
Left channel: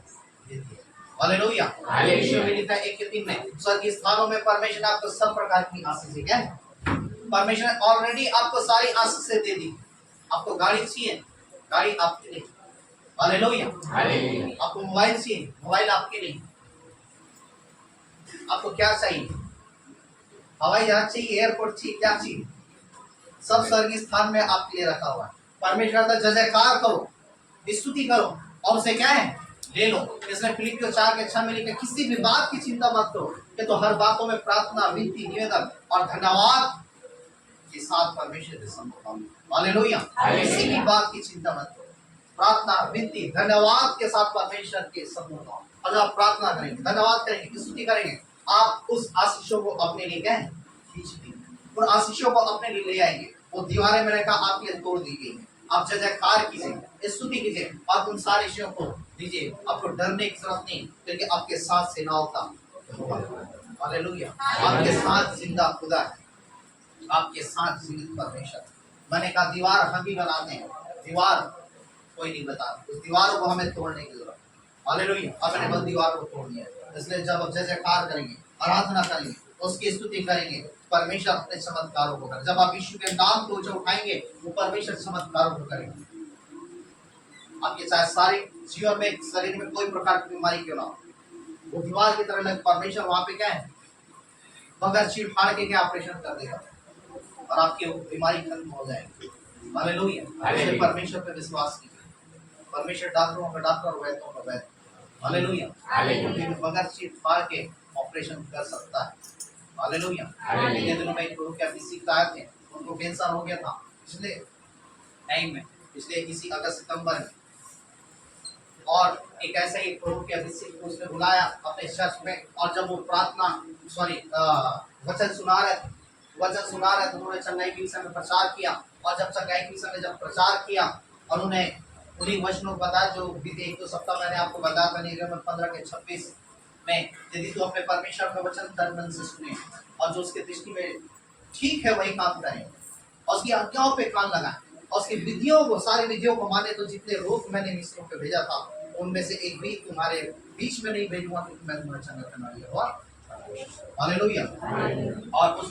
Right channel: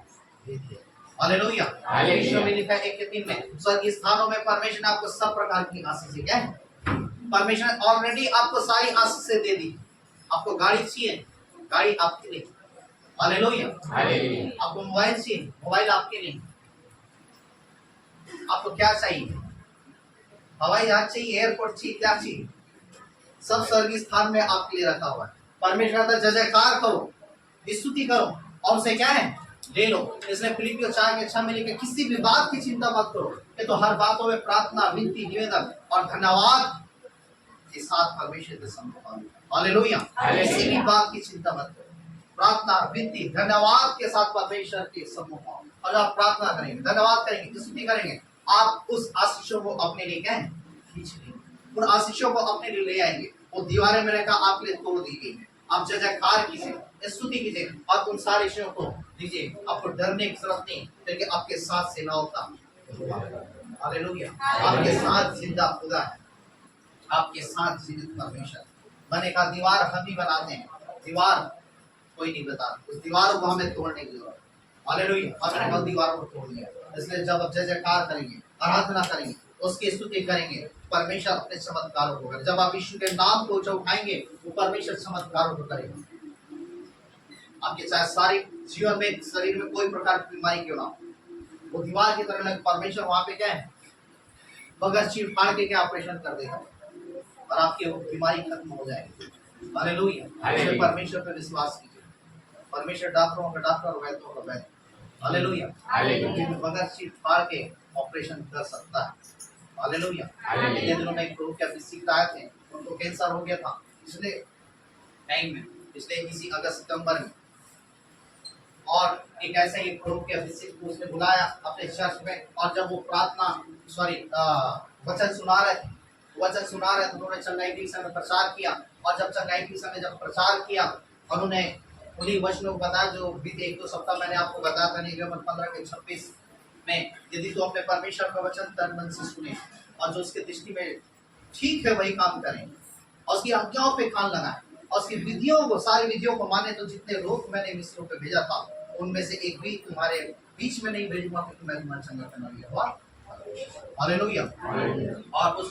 दे दिया। हालेलुया, यीशु में लिखा है 1:3 में, स्वर्गीय स्थानों में परमेश्वर ने आपको सब प्रकार की आशीष क्या है, परमेश्वर ने ऑलरेडी आपको सारी आशीषें दे दी। आपको गाड़ी चाहिए, गाड़ी आपके लिए। हालेलुया, आपको मोबाइल चाहिए, मोबाइल आपके लिए। आपको क्या चाहिए, हवाई जहाज चाहिए, एयरपोर्ट चाहिए, क्या चाहिए, सब स्वर्गीय स्थान में आपके लिए रखा हुआ है। परमेश्वर का जयकार करो, स्तुति करो, और उसे क्या है ले लो। इसलिए फिलिपियों 4:6 में लिखा किसी भी बात की चिंता मत करो, कि तो हर बातों में प्रार्थना, विनती, निवेदन और धन्यवाद के साथ परमेश्वर के सम्मुख। हालेलुया, किसी भी बात की चिंता मत करो, प्रार्थना, विनती, धन्यवाद के साथ परमेश्वर के सम्मुख आओ। और जब आप प्रार्थना करेंगे, धन्यवाद करेंगे, स्तुति करेंगे, आप उस आशीषों को अपने लिए क्या है खींच लेंगे, उन आशीषों को अपने लिए ले आएंगे। वो दीवारें मैंने कहा आपके लिए तोड़ दी गई है। आप जयकार कीजिए, स्तुति कीजिए, और उन सारी चीजों को दीजिए। आपको डरने की जरूरत नहीं, क्योंकि आपके साथ सेनाओं का हालेलुया, आपके साथ जिंदा खुदा है, आपके साथ जीवित परमेश्वर। मैंने कहा दीवार हम ही बनाते हैं, दीवार कोई नहीं बताता। उस दीवारों को हमें तोड़ने की जरूरत है। हालेलुया, और मैंने कहा दीवार को तोड़ दिया। इसलिए जब आप जयकार करेंगे, आराधना करेंगे, उसकी स्तुति करेंगे, परमेश्वर अपने चमत्कारों को करें। जब आप यीशु के नाम को उठाएंगे, वो परमेश्वर चमत्कारों को करेंगे। आपके चाहे सारे जीवन में, शरीर में कोई प्रकार की बीमारी क्यों ना हो, वो दीवार की तरह लगे, परमेश्वर वहां पे क्या है बगैर चीर फाड़ के क्या ऑपरेशन कर देगा, और आपकी बीमारी खत्म हो जाएगी। हालेलुया, परमेश्वर पे विश्वास कीजिए। परमेश्वर डॉक्टरों का डॉक्टर, वैद्यों का वैद्य। हालेलुया, बगैर चीर फाड़ के ऑपरेशन कर सकता है। हालेलुया, पिछले दिनों में एक प्रभु के अभिषेक आए थे, उनको कैंसर हो गया था पिछले टाइम में, पिछले इसी अगस्त सितंबर में। और एक ऐसे ही प्रभु के अभिषेक को उसने बुलाया अपने चर्च में, और जब वो प्रार्थना वचन सुना रहे थे, उन्होंने चंगाई की विषय में प्रचार किया। और जब चंगाई की विषय में जब प्रचार किया, उन्होंने उन्हीं वचनों को बताया जो बीते 1-2 सप्ताह मैंने आपको बताया था निर्गमन 15:26 में, यदि तू अपने परमेश्वर का वचन तन मन से सुने और जो उसके दृष्टि में ठीक है वही काम करें और उसकी आज्ञाओं पे कान लगाए और उसकी विधियों को, सारी विधियों को माने, तो जितने रोग मैंने मिस्रों पे भेजा था उनमें से एक भी तुम्हारे बीच में नहीं भेजूंगा, क्योंकि मैं तुम्हारा चंगा करने वाला हूं। हालेलुया। और उस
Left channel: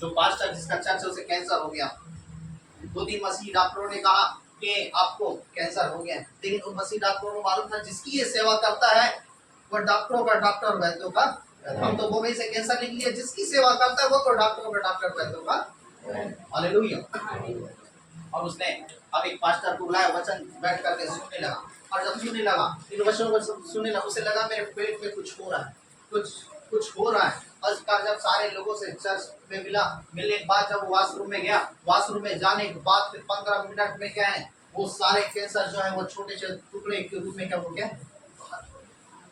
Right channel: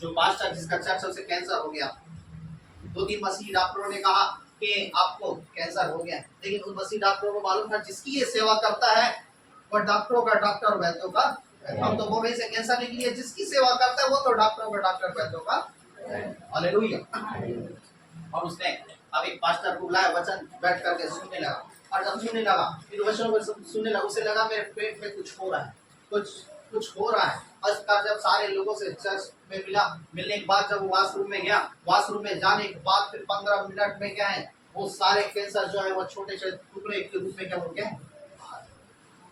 जो पास्टर जिसका चर्च है उसे कैंसर हो गया, 2-3 मसीह डॉक्टरों ने कहा कि आपको कैंसर हो गया, लेकिन उन मसीह डॉक्टरों को मालूम था जिसकी ये सेवा करता है वह डॉक्टरों का डॉक्टर, वैद्यों का। हम तो बोले से कैंसर नहीं किया, जिसकी सेवा करता है वो तो डॉक्टरों का डॉक्टर, वैद्यों का। हालेलुया। और उसने अब एक पास्टर को बुलाया, वचन बैठ करके सुनने लगा, और जब सुनने लगा इन वचनों को सुनने लगा, उसे लगा मेरे पेट में कुछ हो रहा है, कुछ हो रहा है। और जब सारे लोगों से चर्च में मिलने के बाद जब वो वॉशरूम में गया, वॉशरूम में जाने के बाद फिर 15 मिनट में क्या है, वो सारे कैंसर जो है वो छोटे छोटे टुकड़े के रूप में क्या हो गया।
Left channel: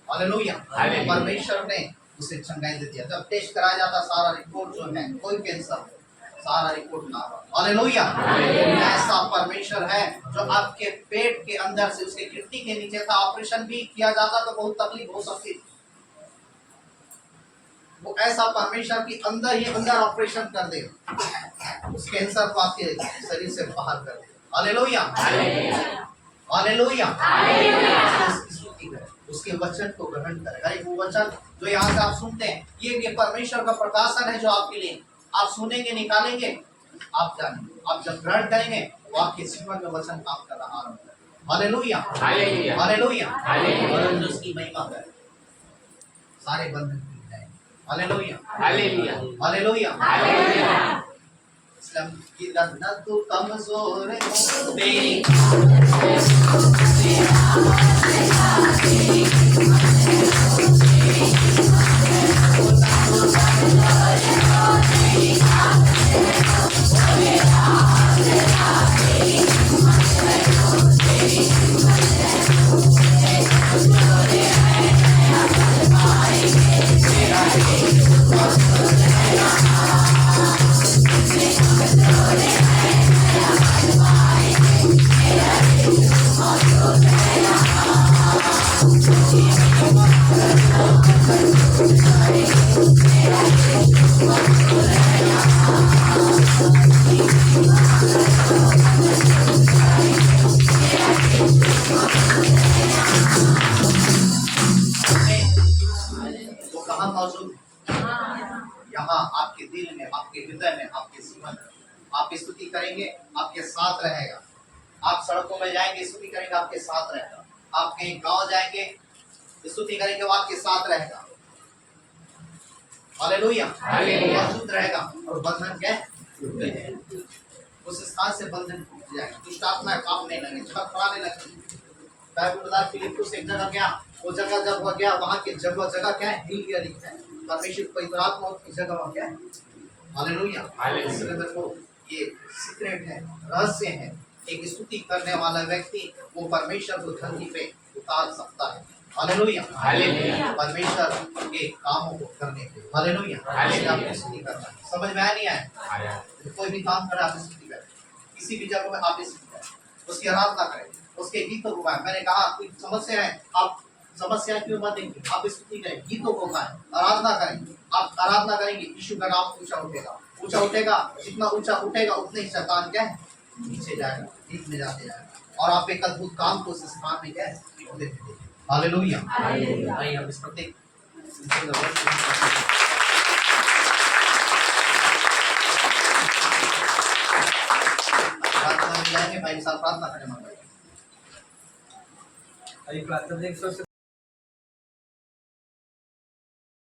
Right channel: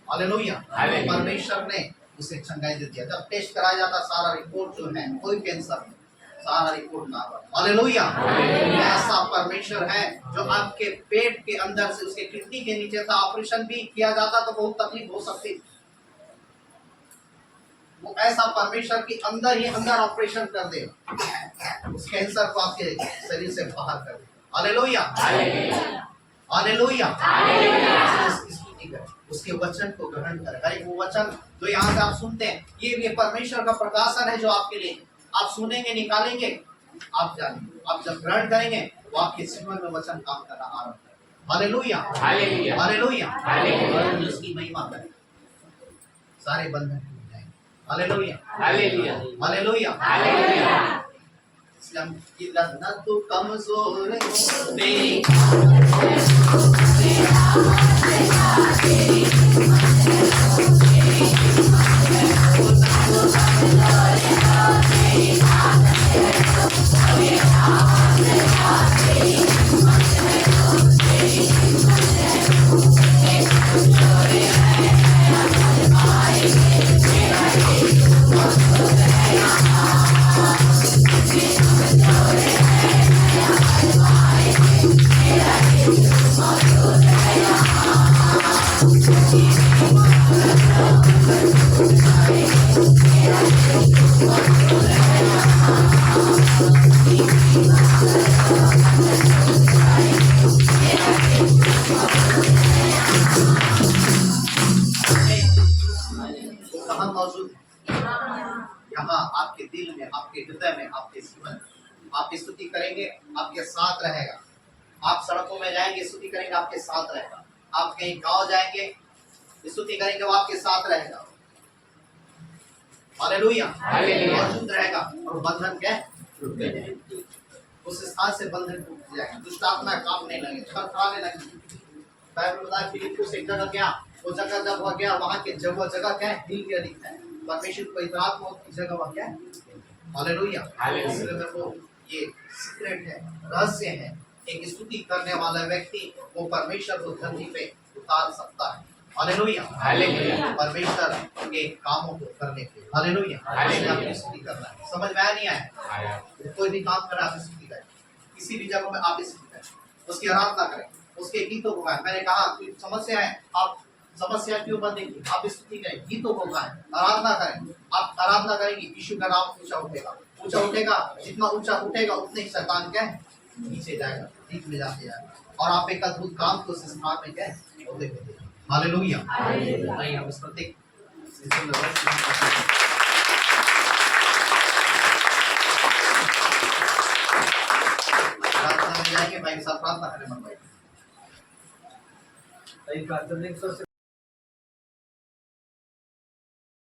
हालेलुया। परमेश्वर ने उसे चंगाई दे दिया। जब टेस्ट कराया जाता सारा रिपोर्ट जो है कोई कैंसर नहीं, सारा रिपोर्ट ना। हालेलुया। ऐसा परमेश्वर है जो आपके पेट के अंदर से उसके किडनी के नीचे था, ऑपरेशन भी किया जाता तो बहुत तकलीफ हो सकती, वो ऐसा परमेश्वर की अंदर ही अंदर ऑपरेशन कर दे, उस कैंसर को आपके शरीर से बाहर कर दे। हालेलुया। हालेलुया। उसके वचन को ग्रहण करें। अरे वो वचन जो यहाँ से आप सुनते हैं, ये परमेश्वर का प्रकाशन है जो आपके लिए आप सुनेंगे, निकालेंगे, आप जानेंगे, आप जब ग्रहण करेंगे वो आपके जीवन में वचन काम कर रहा है। हालेलुया। हालेलुया। हालेलुया। उसकी महिमा करें, सारे बंधन टूट जाएंगे। हालेलुया। हालेलुया। हालेलुया। हालेलुया। इस्लाम की रहना तो कमजोर तेरी यहाँ आपके दिल में, आपके हृदय में, आपके जीवन में। आप स्तुति करेंगे, आपके साथ रहेगा। आप सड़कों में जाएंगे, स्तुति करेंगे, आपके साथ रहेगा। आप कहीं गांव जाएंगे, स्तुति करेंगे, वो आपके साथ रहेगा। हालेलुया। मौजूद रहेगा और बंधन क्या टूट जाएंगे, उस स्थान से बंधन टूट जाएंगे, दुष्ट आत्मा काम नहीं लगे, छड़खड़ाने लगे। बाइबल बता फिलिप्पुस एक जगह गया, वो जगह जब वो गया वहां की जगह क्या है, हिल गया दिखता है। परमेश्वर पवित्र आत्मा की जगह वहां क्या है। हालेलुया। इसलिए मेरे को ये सीक्रेट है, रहस्य है, एक स्तुति करने वाला व्यक्ति वो परमेश्वर को धरती पे उतार सकता है। हालेलुया। हालेलुया। परमेश्वर के कामों को करने के लिए। हालेलुया। आपको स्तुति करना है। समझ में आया नहीं आया? कोई भी काम करें आप स्तुति करें, किसी भी जगह में आप स्तुति करें, उसकी आराधना करें, उसके गीतों को गाएं। मैंने कहा कोई समस्या है, आप समस्या क्यों बनेंगी, आप स्तुति करें, गीतों को गाएं, आराधना करें। आप आराधना करेंगे, यीशु का नाम ऊंचा उठेगा, ऊंचा उठेगा। जितना ऊंचा उठेगा उतने ही शैतान क्या है, नीचे जाएगा, बीच में जाते जाएगा, और आप एक अद्भुत काम को उस स्थान में क्या है देखते देखते। हालेलुया। हालेलुया। हम इस प्रत्येक प्रार्थना में जाएंगे, भाई के साथ प्रार्थना करें। मन भाई प्रार्थना